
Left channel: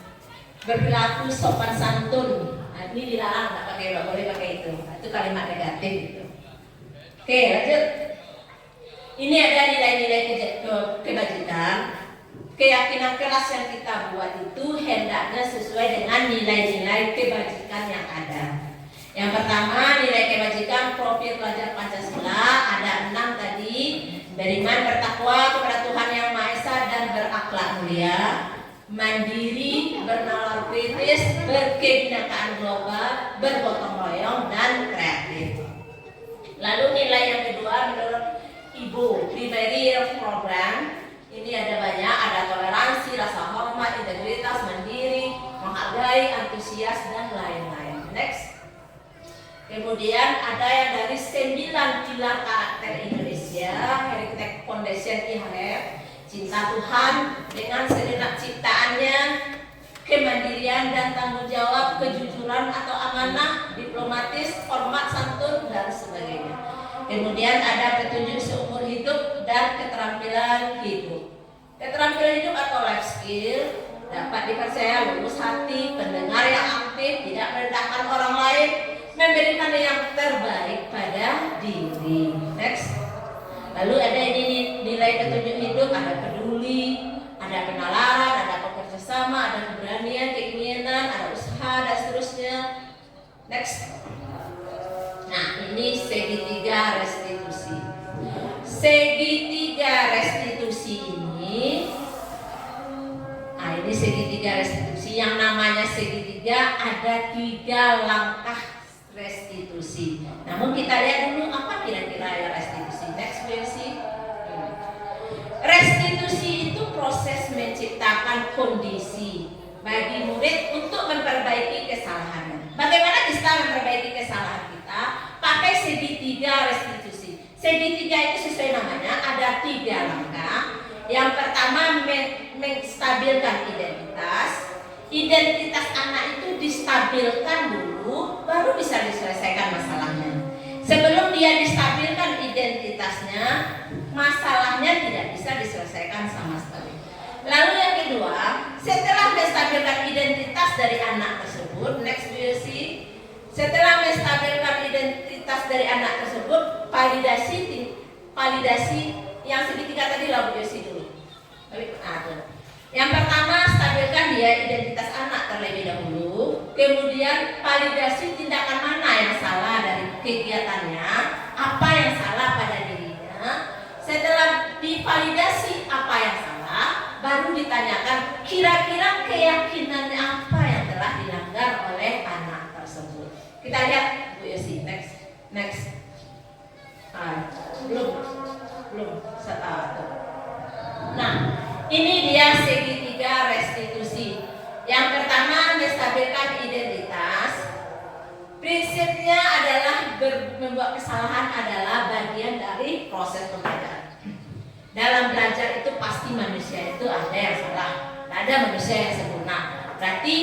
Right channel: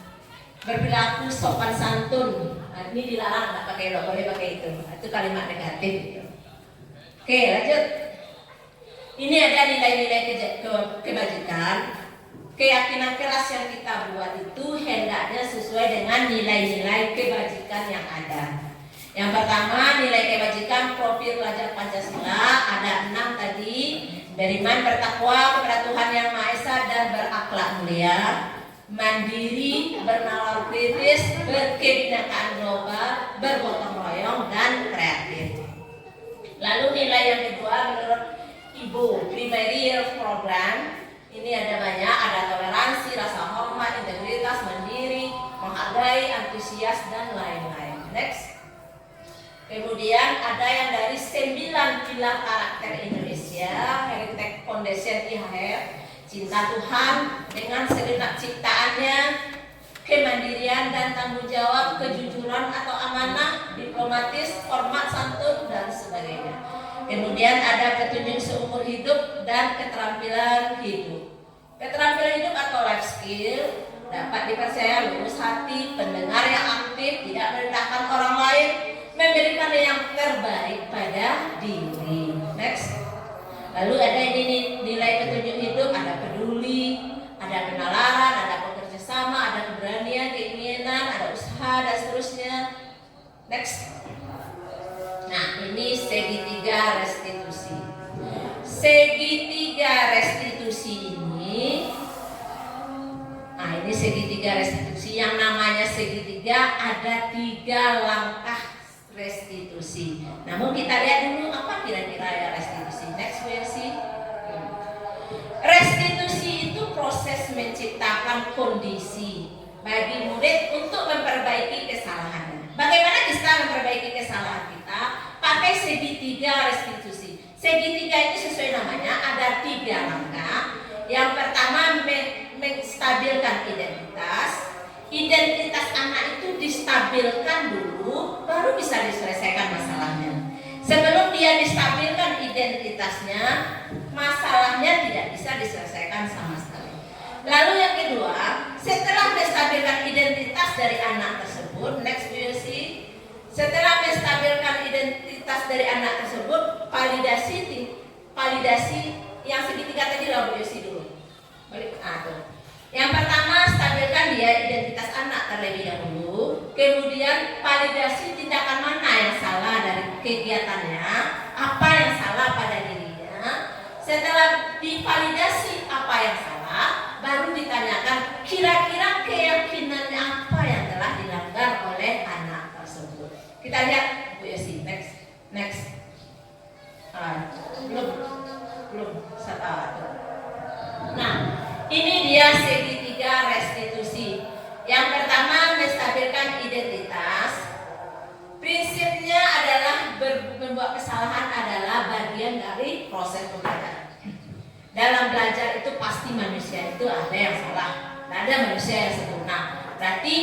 Berperilaku sopan santun. Nah, ini dilarang, nggak boleh pakai itu. Itu kalimat negatif. Oke, lanjut. Ini ada nilai-nilai kebajikan. Keyakinan kelas yang kita buat itu hendaknya sesuai dengan nilai-nilai kebajikan yang ada. Yang pertama, nilai kebajikan profil pelajar Pancasila ada 6 tadi. Beriman, bertakwa kepada Tuhan Yang Maha Esa dan berakhlak mulia, mandiri, bernalar kritis, berkebinekaan global, bergotong royong, dan kreatif. Lalu nilai yang kedua menurut Ibu, primary program. Ini ada banyak, ada toleransi, rasa hormat, integritas, mandiri, menghargai, antusias, dan lain-lain. Next. Kemudian ada yang dari 9 pilar karakter Indonesia, Heritage Foundation IHR, cinta Tuhan dengan segenap ciptaannya, kemandirian dan tanggung jawab, kejujuran atau amanah, diplomatis, hormat, santun, dan sebagainya. Kemudian ada petunjuk seumur hidup dan keterampilan hidup. Keterampilan hidup atau life skill dapat dipercaya lurus hati, pendengar yang aktif, tidak merendahkan orang lain, memberikan yang terbaik pada diri. Next. Lalu ada ini nilai petunjuk hidup, ada peduli, ada penalaran, ada bekerjasama, ada keberanian, keinginan, ada usaha, dan seterusnya. Next. Nah, ini segitiga restitusi. Segitiga restitusi ini, nah ini segitiga restitusi. Yang namanya segitiga ada 3 langkah restitusi. Namun kita lihat dulu apa kira-kira ya restitusi. Next versi. Restitusi itu proses menciptakan kondisi bagi murid untuk memperbaiki kesalahannya. Bagaimana kita memperbaiki kesalahan kita? Pakai segitiga restitusi. Segitiga itu sesuai namanya ada 3 langkah. Yang pertama menstabilkan identitas. Identitas anak itu distabilkan dulu, baru bisa diselesaikan masalahnya. Sebelum dia distabilkan identitasnya, masalahnya tidak bisa diselesaikan sama sekali. Lalu yang kedua, setelah menstabilkan identitas dari anak tersebut, next you see, setelah menstabilkan identitas dari anak tersebut, validasi yang segitiga tadi lo isi dulu. Yang pertama, stabilkan dia identitas anak terlebih dahulu. Kemudian validasi tindakan mana yang salah dari kegiatannya, apa yang salah pada dirinya. Setelah divalidasi apa yang salah, baru ditanyakan kira-kira keyakinannya apa yang telah dilanggar oleh anak tersebut. Kita lihat Bu Yosi, next. Belum start. Nah, ini dia segitiga restitusi. Yang pertama, menstabilkan identitas. Prinsipnya adalah membuat kesalahan adalah bagian dari proses pembelajaran. Dalam belajar itu pasti manusia itu ada yang salah, tidak ada manusia yang sempurna. Berarti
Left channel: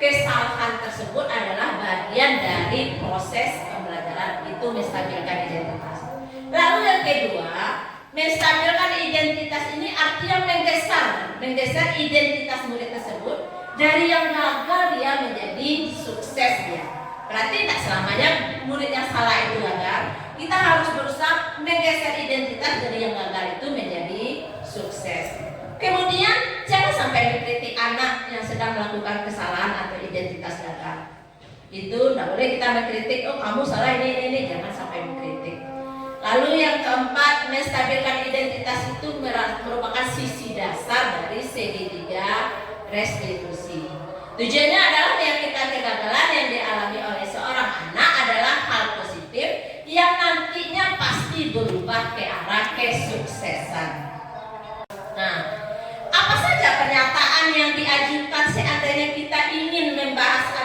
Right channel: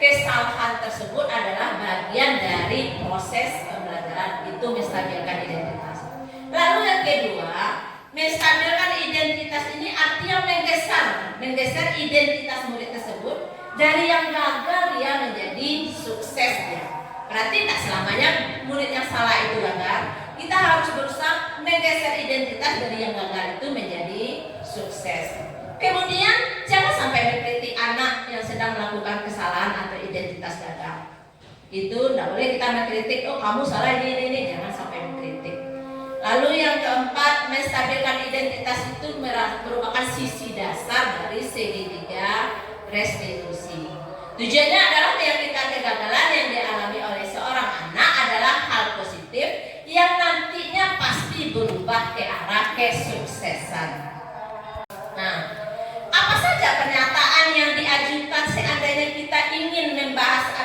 kesalahan tersebut adalah bagian dari proses pembelajaran, itu menstabilkan identitas. Lalu yang kedua, menstabilkan identitas ini artinya menggeser identitas murid tersebut dari yang gagal dia menjadi sukses dia. Berarti tak selamanya murid yang salah itu gagal. Kita harus berusaha menggeser identitas dari yang gagal itu menjadi sukses. Kemudian jangan sampai mengkritik anak yang sedang melakukan kesalahan atau identitas gagal. Itu tidak boleh kita mengkritik, oh kamu salah ini, jangan sampai mengkritik. Lalu yang keempat, menstabilkan identitas itu merupakan sisi dasar dari segitiga restitusi. Tujuannya adalah meyakinkan kegagalan yang dialami oleh seorang anak adalah hal positif yang nantinya pasti berubah ke arah kesuksesan. Nah, apa saja pernyataan yang diajukan seandainya kita ingin membahas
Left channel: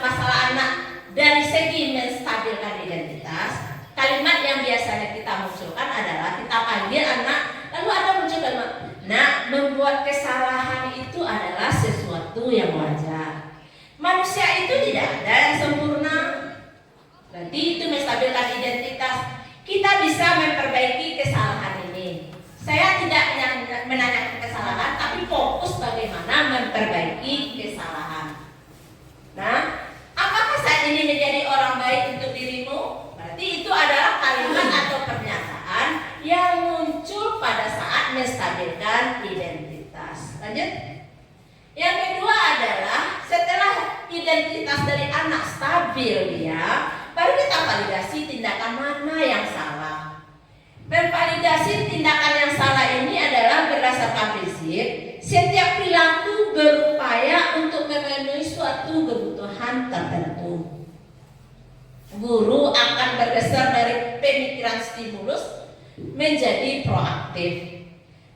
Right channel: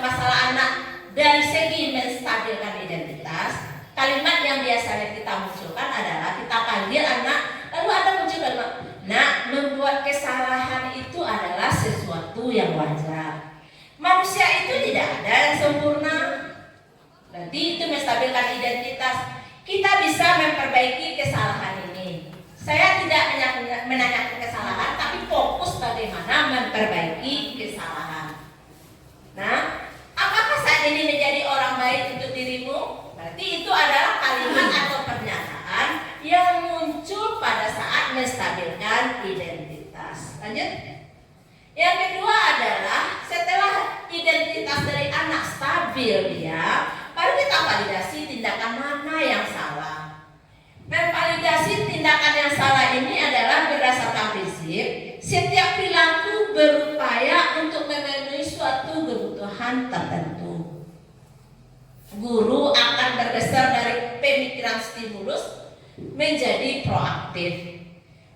masalah anak dari segi menstabilkan identitas? Kalimat yang biasanya kita munculkan adalah kita panggil anak, lalu ada muncul kalimat, nah, membuat kesalahan itu adalah sesuatu yang wajar. Manusia itu tidak ada yang sempurna. Berarti itu menstabilkan identitas. Kita bisa memperbaiki kesalahan ini. Saya tidak menanyakan kesalahan, tapi fokus bagaimana memperbaiki kesalahan. Nah, apakah saat ini menjadi orang baik untuk dirimu? Berarti itu adalah kalimat atau pernyataan yang muncul pada saat menstabilkan identitas. Lanjut. Yang kedua adalah setelah identitas dari anak stabil dia, baru kita validasi tindakan mana yang salah. Memvalidasi tindakan yang salah ini adalah berdasarkan prinsip setiap perilaku berupaya untuk memenuhi suatu kebutuhan tertentu. Guru akan bergeser dari pemikiran stimulus menjadi proaktif.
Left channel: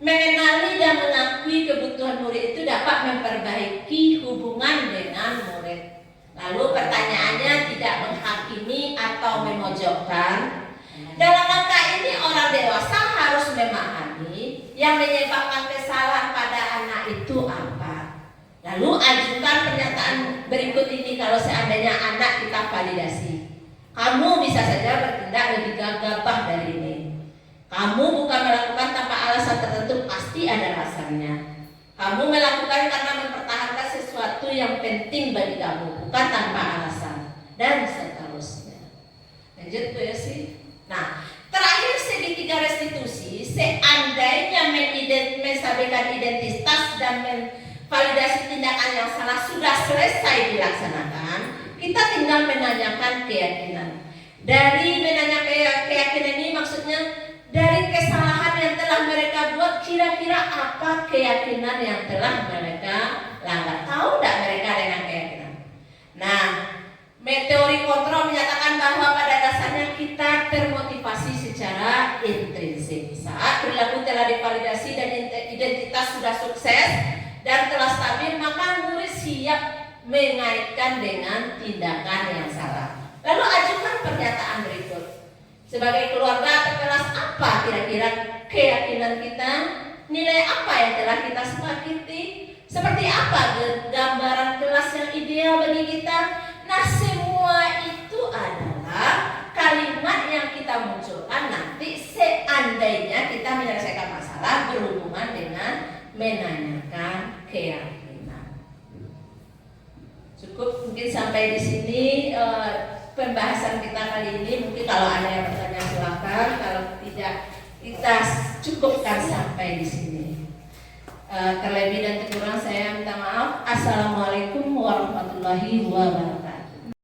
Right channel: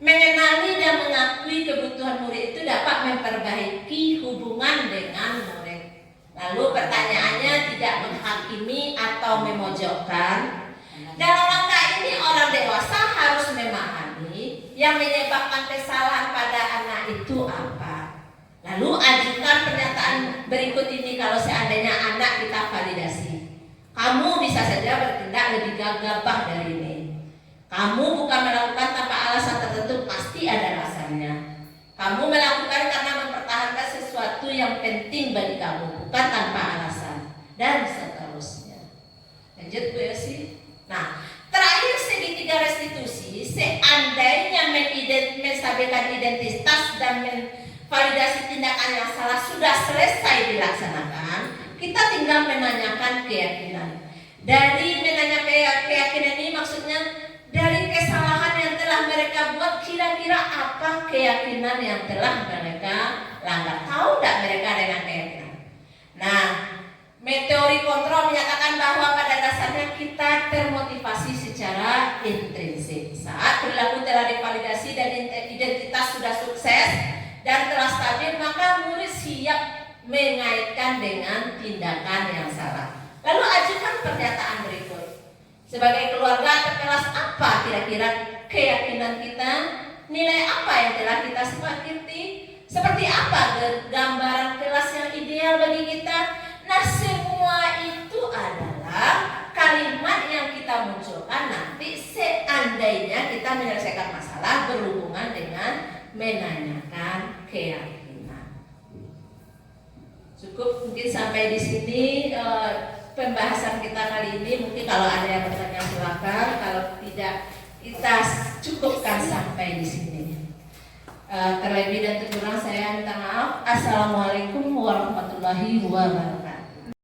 Mengenali dan mengakui kebutuhan murid itu dapat memperbaiki hubungan dengan murid. Lalu pertanyaannya tidak menghakimi atau memojokkan. Dalam langkah ini orang dewasa harus memahami yang menyebabkan kesalahan pada anak itu apa. Lalu ajukan pernyataan berikut ini kalau seandainya anak kita validasi. Kamu bisa saja bertindak lebih gagah dari ini. Kamu bukan melakukan tanpa alasan tertentu, pasti ada alasannya. Kamu melakukan karena mempertahankan sesuatu yang penting bagi kamu, bukan tanpa alasan, dan seterusnya. Lanjut Bu Yosi. Nah, terakhir segitiga restitusi, seandainya menstabilkan identitas dan validasi tindakan yang salah sudah selesai dilaksanakan, kita tinggal menanyakan keyakinan. Dari menanya keyakinan ini maksudnya dari kesalahan yang telah mereka buat, kira-kira apa keyakinan yang telah mereka langgar? Tahu tidak mereka dengan keyakinan? Nah, teori kontrol menyatakan bahwa pada dasarnya kita termotivasi secara intrinsik. Saat perilaku telah divalidasi dan identitas sudah sukses dan telah stabil, maka murid siap mengaitkan dengan tindakan yang salah. Lalu ajukan pernyataan berikut. Sebagai keluarga atau kelas kira-kira keyakinan kita? Nilai apa yang telah kita sepakati? Seperti apa gambaran kelas yang ideal bagi kita? Nah, semua itu adalah kalimat yang kita munculkan nanti seandainya kita menyelesaikan masalah berhubungan dengan menanyakan keyakinan. Cukup mungkin sampai di sini pembahasan kita kali ini. Mungkin kalau ada yang bertanya silakan, kalau tidak kita cukupkan sampai di sini. Terlebih dan terkurang saya minta maaf. Assalamualaikum warahmatullahi wabarakatuh.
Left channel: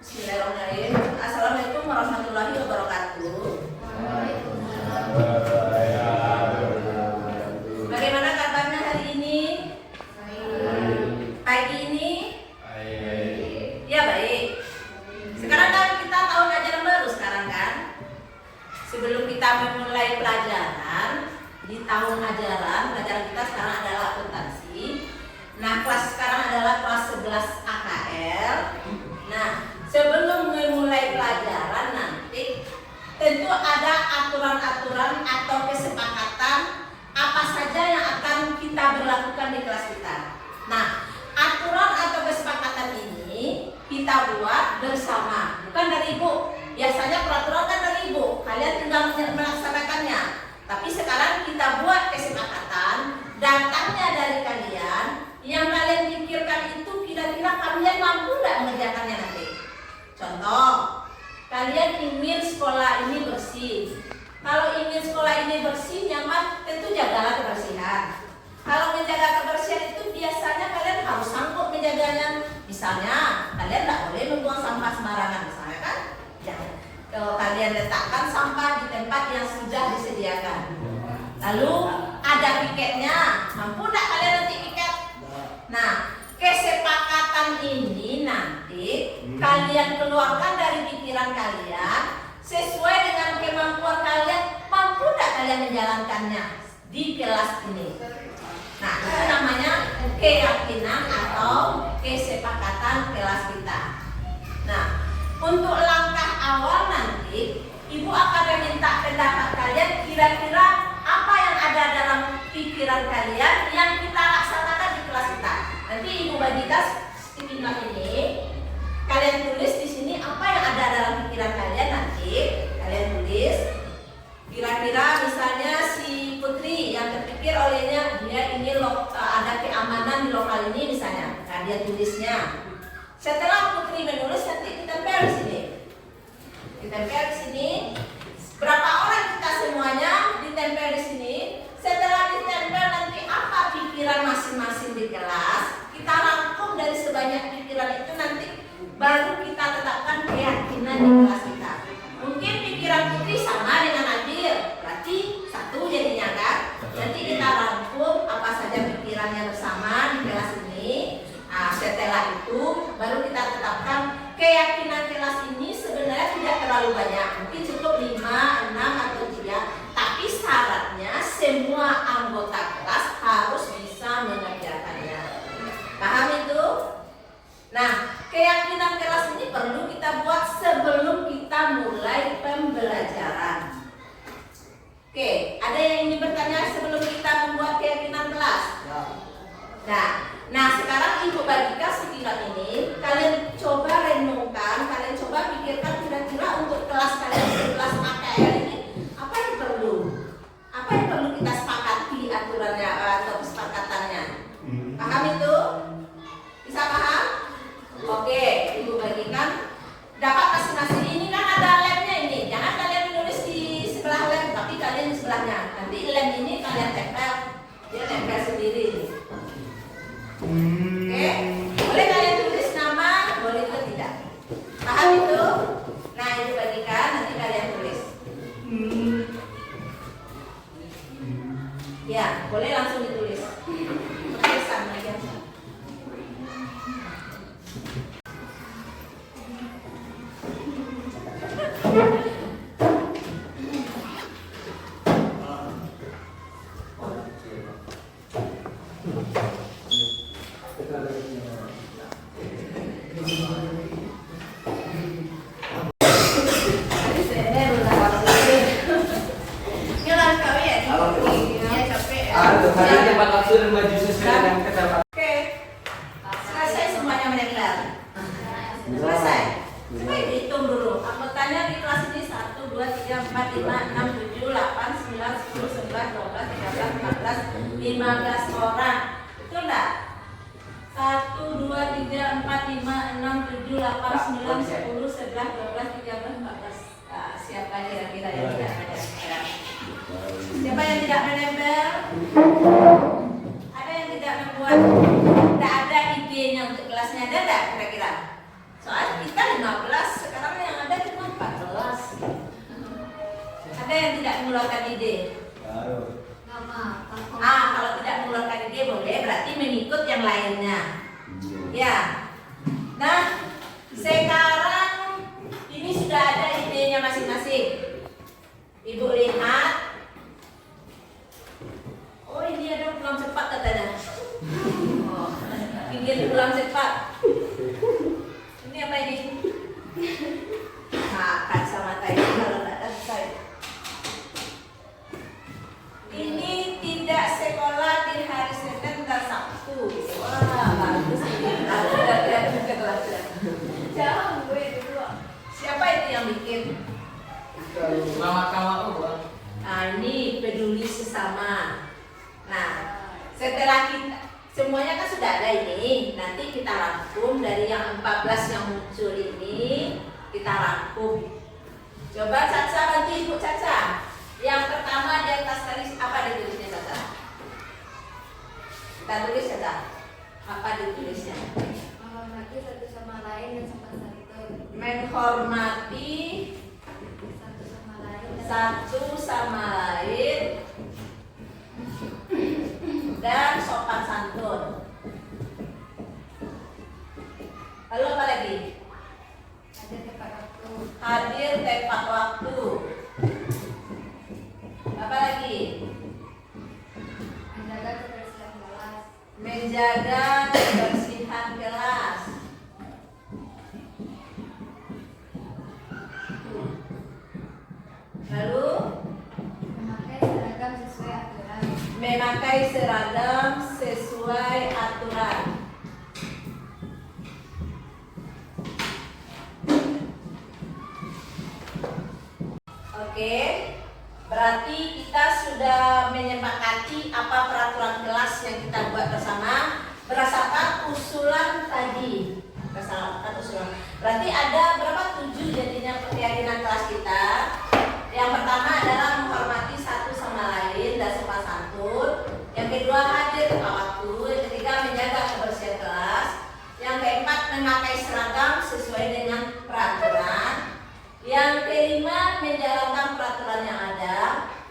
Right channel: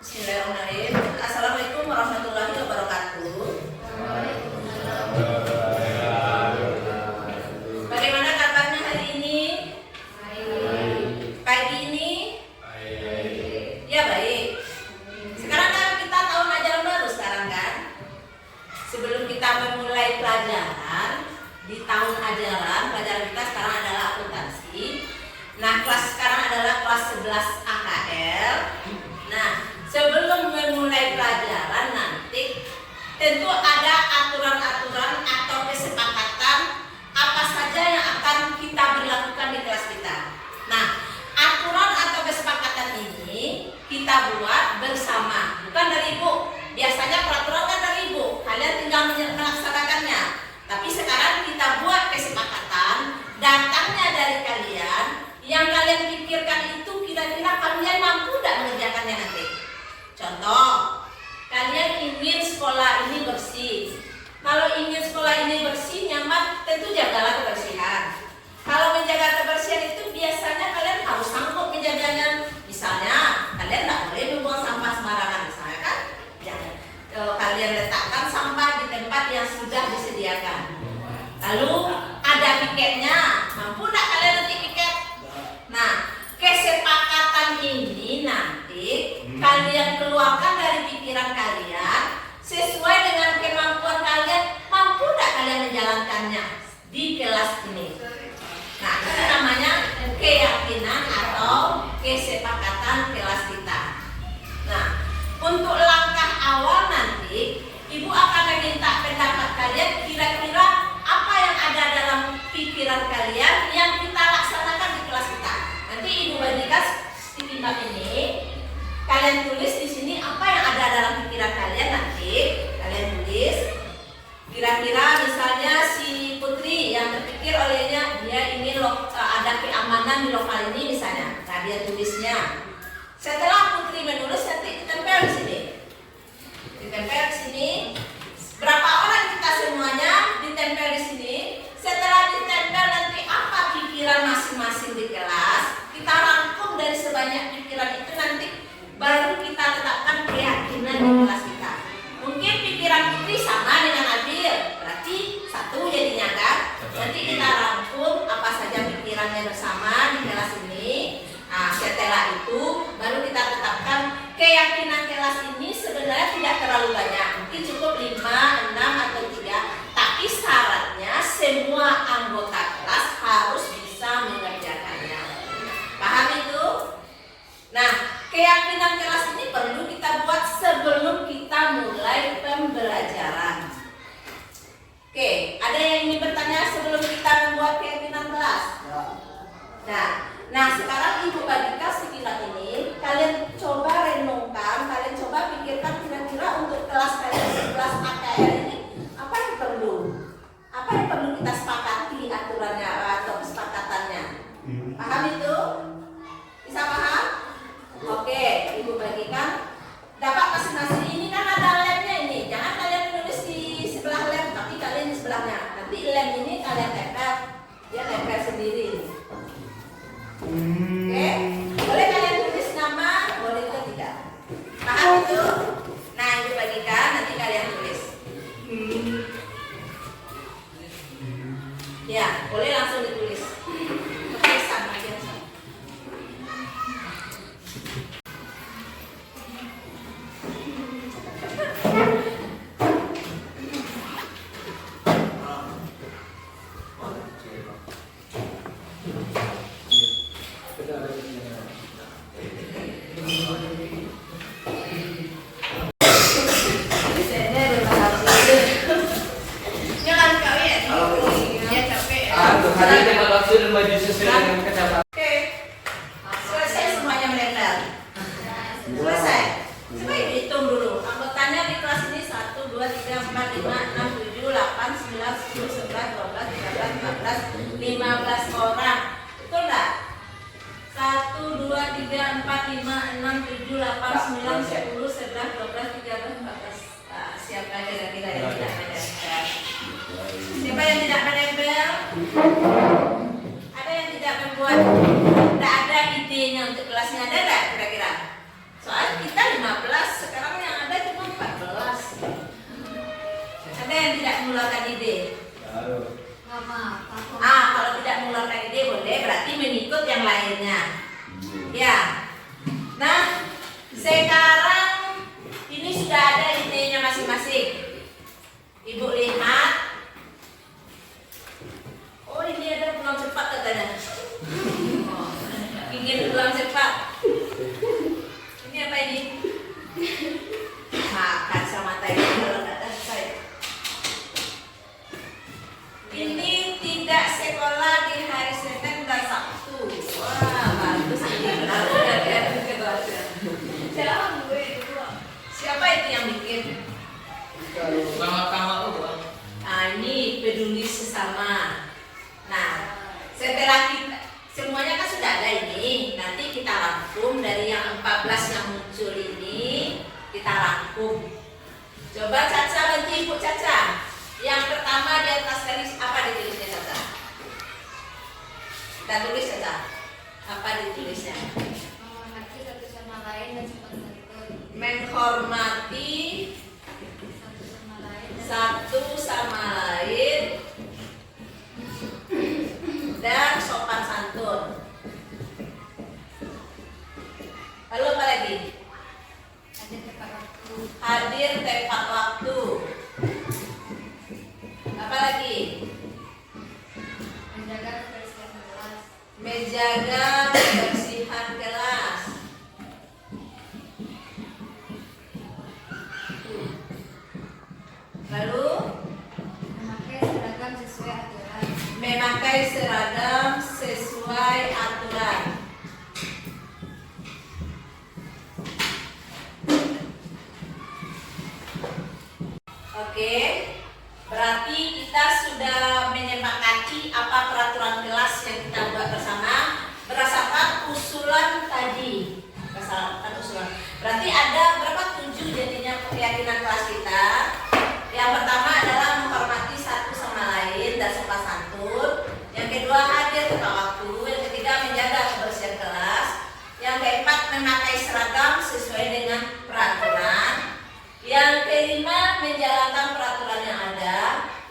Bismillahirrahmanirrahim. Assalamualaikum warahmatullahi wabarakatuh. Bagaimana kabarnya hari ini? Pagi ini? Ya baik. Sekarang kan kita tahun ajaran baru sekarang kan? Sebelum kita memulai pelajaran di tahun ajaran, pelajaran kita sekarang adalah akuntansi. Nah, kelas sekarang adalah kelas 11 AKL. Nah, sebelum memulai pelajaran nanti tentu ada aturan-aturan atau kesepakatan apa saja yang akan kita berlakukan di kelas kita. Nah, aturan atau kesepakatan ini kita buat bersama, bukan dari ibu. Biasanya peraturan kan dari ibu, kalian tinggal melaksanakannya. Tapi sekarang kita buat kesepakatan, datangnya dari kalian. Yang kalian pikirkan itu kira-kira kalian mampu tidak mengerjakannya nanti. Contoh, kalian ingin sekolah ini bersih. Kalau ingin sekolah ini bersih, nyaman, tentu jagalah kebersihan. Kalau menjaga kebersihan itu biasanya kalian harus sanggup menjaganya. Misalnya, kalian tidak boleh membuang sampah sembarangan. Misalnya kan, jangan. Kalian letakkan sampah di tempat yang sudah disediakan. Lalu ada piketnya, mampu tidak kalian nanti piket? Nah, kesepakatan ini nanti kalian keluarkan dari pikiran kalian sesuai dengan kemampuan kalian, mampu tidak kalian menjalankannya di kelas ini. Nah, itu namanya keyakinan atau kesepakatan kelas kita. Nah, untuk langkah awal nanti ibu akan meminta pendapat kalian, kira-kira apa yang ada dalam pikiran kalian yang kita laksanakan di kelas kita. Nanti ibu bagikan stikimat ini, kalian tulis di sini apa yang ada dalam pikiran kalian. Nanti kalian tulis kira-kira misalnya si Putri yang terpikir olehnya dia ini ada keamanan di lokal ini misalnya. Nah, dia tulisnya. Setelah Putri menulis nanti ditempel di sini. Ditempel di sini. Berapa orang kita semuanya ditempel di sini. Setelah ditempel nanti apa pikiran masing-masing di kelas, kita rangkum dari sebanyak pikiran itu nanti baru kita letakkan keyakinan di kelas kita. Mungkin pikiran Putri sama dengan Adil, berarti satu jadinya kan. Nanti kita rangkum apa saja pikirannya bersama di kelas ini. Nah, setelah itu baru kita tetapkan keyakinan kelas ini sebenarnya tidak terlalu banyak. Mungkin cukup 5, 6 atau 3. Tapi syaratnya semua anggota kelas harus bisa mengerjakannya. Paham itu? Nah, keyakinan kelas ini perlu kita buat sebelum kita mulai pembelajaran. Oke, ada yang ingin bertanya sebelum kita membuat keyakinan kelas? Nah, sekarang ibu bagikan stikimat ini. Kalian coba renungkan, kalian coba pikirkan kira-kira untuk kelas kalian, kelas AKL ini apa yang perlu? Apa yang perlu kita sepakati aturannya atau kesepakatannya? Paham itu? Bisa paham? Oke, ibu bagikan. Dapat masing-masing. Ini kan ada lemnya ini. Jangan kalian menulis di sebelah lem, tapi kalian di sebelahnya. Nanti lem ini kalian tempel, dia tempel sendiri. Oke, boleh kalian tulis nama, boleh juga tidak. Paham itu? Nah, ibu bagikan, nanti kalian tulis. Ya, boleh langsung ditulis. Sama aja. Selesai. Coba ibu hitung dulu. Anggotanya di kelas ini 1, 2, 3, 4, 5, 6, 7, 8, 9, 10, 11, 12, 13, 14, 15 orang. Betul nggak? 1, 2, 3, 4, 5, 6, 7, 8, 9, 10, 11, 12, 13, 14. Nah, siapa kira-kira yang tidak menempel? Siapa yang tidak menempel? Ada yang tidak membuat, tidak ada idenya untuk kelasnya, ada nggak kira-kira? Soalnya kita 15, sekarang yang ada cuma 14. Ada yang tidak mengeluarkan ide? Kalau tidak mengeluarkan ide boleh, berarti mengikut yang lainnya. Ya. Nah, sekarang ini sudah ada idenya masing-masing. Ibu lihat. Oh, ini ada pulang cepat katanya. Oh, ingin pulang cepat. Ini apa ini? Kacamata ini kalau nggak tahu saya. Ini tidak sekolah di hari Senin dan Sabtu. Wah, bagus ini. Siapa itu yang bikin? Ini peduli sesama. Nah, setelah kita semuanya kan sudah ada ini. Nanti kita rangkum dari yang 14 yang muncul ini, kita rangkum. Coba Caca bantu Ibu Caca. Yang pertama di atas tadi apa ditulisnya Caca? Kita tulis saja. Apa ditulisnya? Menghormati satu sama lain dan sopan santun. Menghormati satu sama lain dan sopan santun. Lalu apa lagi? Hadir tepat waktu. Hadir tepat waktu. Apa lagi? Menjaga kebersihan kelas. Menjaga kebersihan kelas. Lalu Memakai seragam sesuai aturan. memakai seragam sesuai aturan. Oke, berarti kita sudah menyepakati apa peraturan kelas yang kita buat bersama berdasarkan usulan tadi. Berdasarkan usulan. Berarti ada berapa 7 jadinya keyakinan kelas kita. Yang pertama adalah menghormati satu sama lain dan sopan santun. Yang kedua hadir tepat waktu. Yang ketiga menjaga kebersihan kelas. Yang keempat memakai seragam sesuai dengan peraturan. Yang kelima menjalankan peraturan yang ada.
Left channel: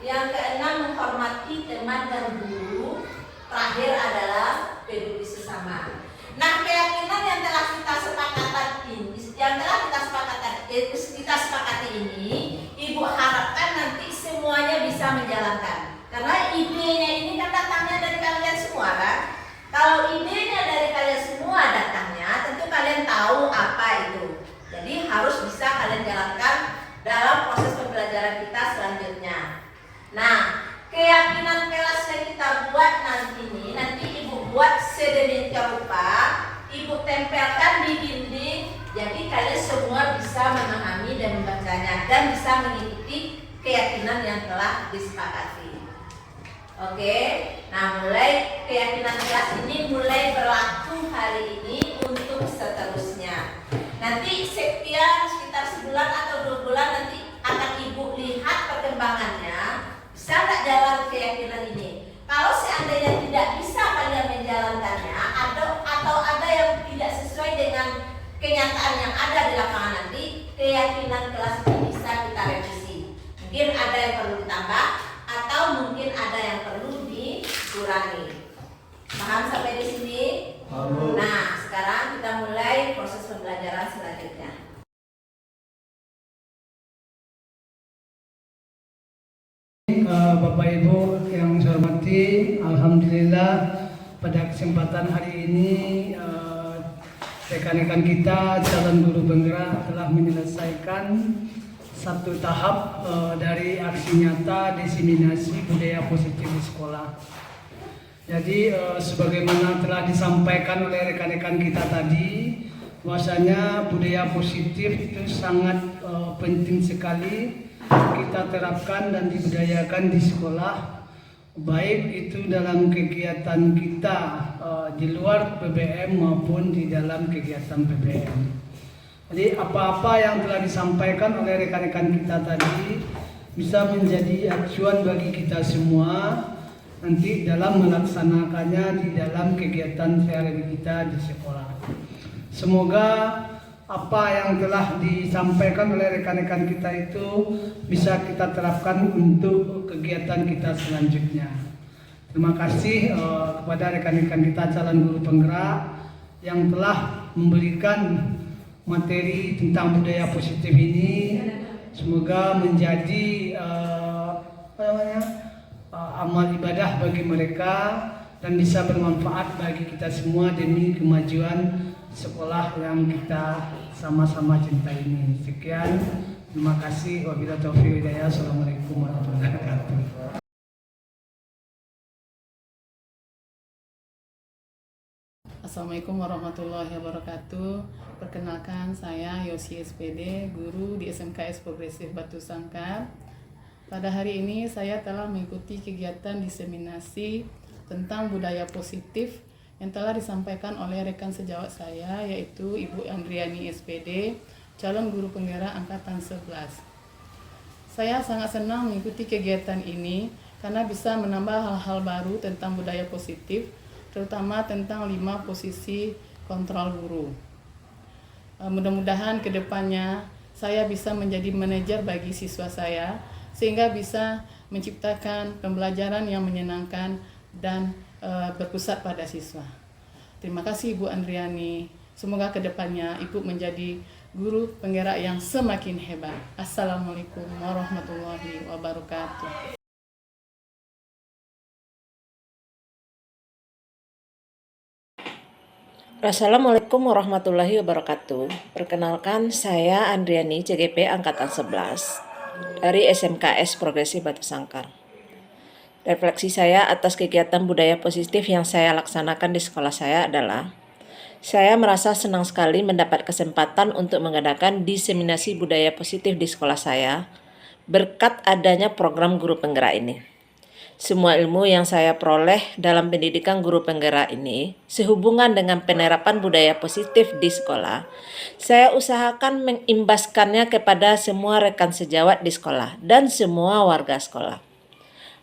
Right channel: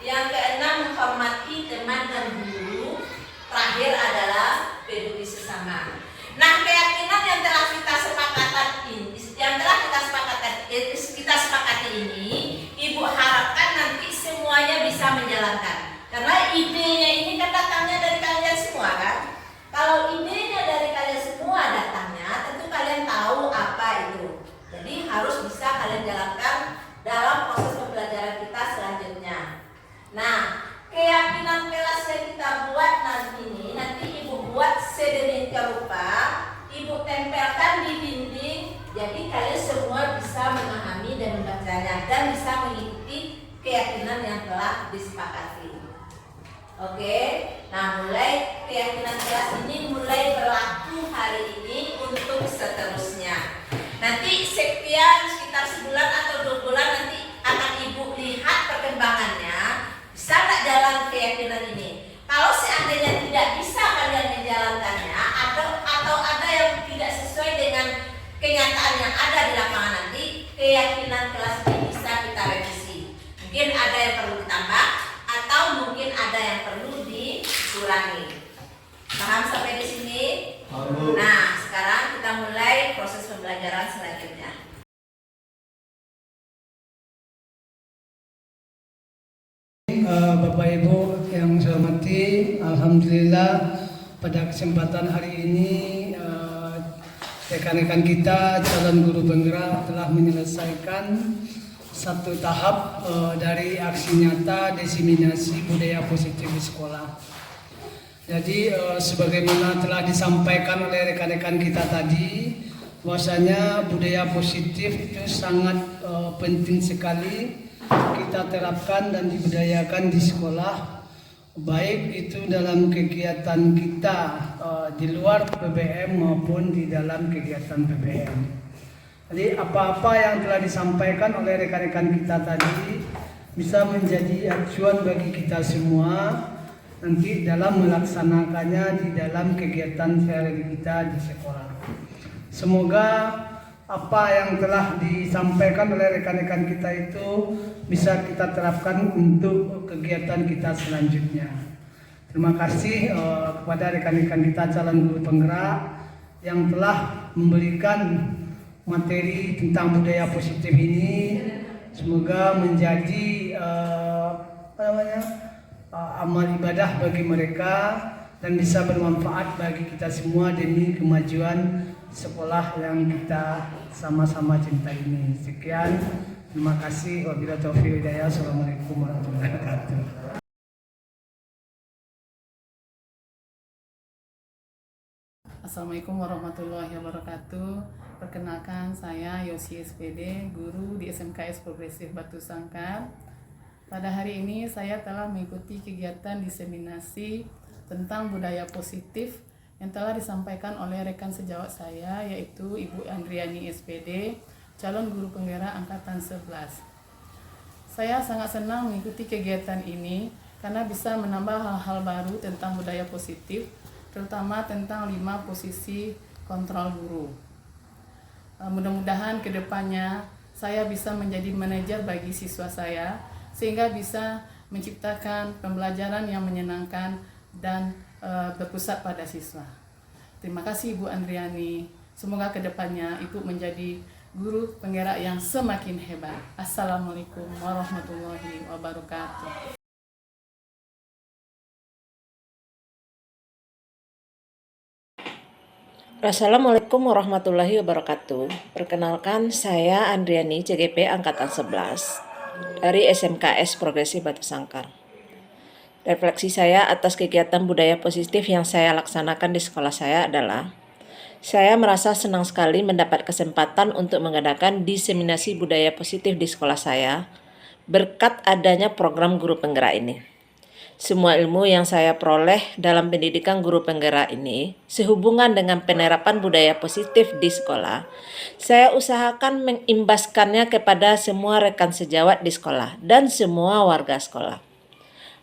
Yang keenam menghormati teman dan guru. Terakhir adalah peduli sesama. Nah, keyakinan yang telah kita sepakati ini, Ibu harapkan nanti semuanya bisa menjalankan. Karena idenya ini kan datangnya dari kalian semua kan? Kalau idenya dari kalian semua datangnya, tentu kalian tahu apa itu. Jadi harus bisa kalian jalankan dalam proses pembelajaran kita selanjutnya. Nah, keyakinan kelas yang kita buat nanti ini, nanti Ibu buat sedemikian rupa, Ibu tempelkan di dinding. Jadi kalian semua bisa memahami dan membacanya dan bisa mengikuti keyakinan yang telah disepakati. Oke, nah mulai keyakinan kelas ini mulai berlaku hari ini untuk seterusnya. Nanti sekitar sebulan atau 2 bulan nanti akan Ibu lihat perkembangannya. Bisa nggak jalan keyakinan ini? Kalau seandainya tidak bisa kalian menjalankannya atau ada yang tidak sesuai dengan kenyataan yang ada di lapangan nanti, keyakinan kelas ini bisa kita revisi. Mungkin ada yang perlu ditambah atau mungkin ada yang perlu dikurangi. Paham sampai di sini? Nah, sekarang kita mulai proses pembelajaran selanjutnya. Bapak Ibu yang saya hormati, alhamdulillah pada kesempatan hari ini rekan-rekan kita calon guru penggerak telah menyelesaikan satu tahap dari aksi nyata diseminasi budaya positif di sekolah. Jadi sebagaimana telah disampaikan oleh rekan-rekan kita tadi, bahwasanya budaya positif itu sangat penting sekali kita terapkan dan dibudayakan di sekolah, baik itu dalam kegiatan kita di luar PBM maupun di dalam kegiatan PBM. Jadi apa-apa yang telah disampaikan oleh rekan-rekan kita tadi bisa menjadi acuan bagi kita semua nanti dalam melaksanakannya di dalam kegiatan sehari-hari kita di sekolah. Semoga apa yang telah disampaikan oleh rekan-rekan kita itu bisa kita terapkan untuk kegiatan kita selanjutnya. Terima kasih kepada rekan-rekan kita calon guru penggerak yang telah memberikan materi tentang budaya positif ini. Semoga menjadi amal ibadah bagi mereka dan bisa bermanfaat bagi kita semua demi kemajuan sekolah yang kita sama-sama cintai ini. Sekian, terima kasih. Wabillahi taufiq hidayah. Assalamualaikum warahmatullahi wabarakatuh. Assalamualaikum warahmatullahi wabarakatuh. Perkenalkan, saya Yosi SPD, guru di SMKS Progresif Batu Sangkar. Pada hari ini saya telah mengikuti kegiatan diseminasi tentang budaya positif yang telah disampaikan oleh rekan sejawat saya, yaitu Ibu Andriani SPD, calon guru penggerak angkatan 11. Saya sangat senang mengikuti kegiatan ini karena bisa menambah hal-hal baru tentang budaya positif, terutama tentang 5 posisi kontrol guru. Mudah-mudahan ke depannya saya bisa menjadi manajer bagi siswa saya, sehingga bisa menciptakan pembelajaran yang menyenangkan dan berpusat pada siswa. Terima kasih Ibu Andriani. Semoga kedepannya Ibu menjadi guru penggerak yang semakin hebat. Assalamualaikum warahmatullahi wabarakatuh. Assalamualaikum warahmatullahi wabarakatuh. Perkenalkan, saya Andriani CGP Angkatan 11 dari SMKS Progresif Batu Sangkar. Refleksi saya atas kegiatan budaya positif yang saya laksanakan di sekolah saya adalah saya merasa senang sekali mendapat kesempatan untuk mengadakan diseminasi budaya positif di sekolah saya berkat adanya program guru penggerak ini. Semua ilmu yang saya peroleh dalam pendidikan guru penggerak ini sehubungan dengan penerapan budaya positif di sekolah, saya usahakan mengimbaskannya kepada semua rekan sejawat di sekolah dan semua warga sekolah.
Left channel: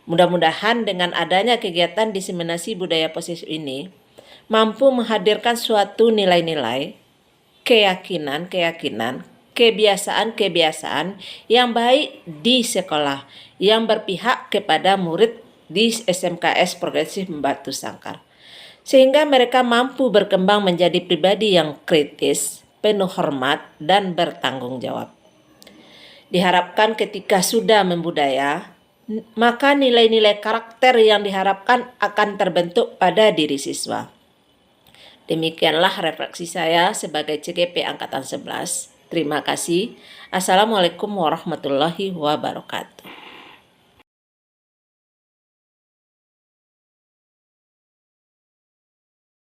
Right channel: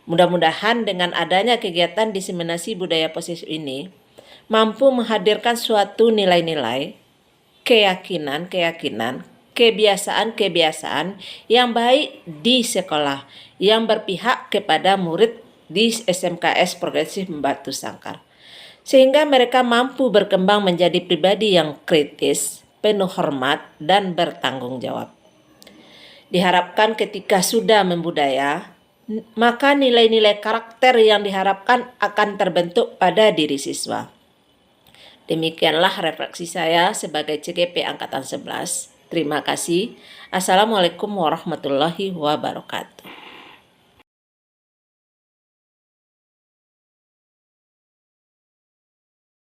Mudah-mudahan dengan adanya kegiatan diseminasi budaya positif ini mampu menghadirkan suatu nilai-nilai, keyakinan, kebiasaan yang baik di sekolah yang berpihak kepada murid di SMKS Progresif Batu Sangkar, sehingga mereka mampu berkembang menjadi pribadi yang kritis, penuh hormat, dan bertanggung jawab. Diharapkan ketika sudah membudaya, maka nilai-nilai karakter yang diharapkan akan terbentuk pada diri siswa. Demikianlah refleksi saya sebagai CGP Angkatan 11. Terima kasih. Assalamualaikum warahmatullahi wabarakatuh.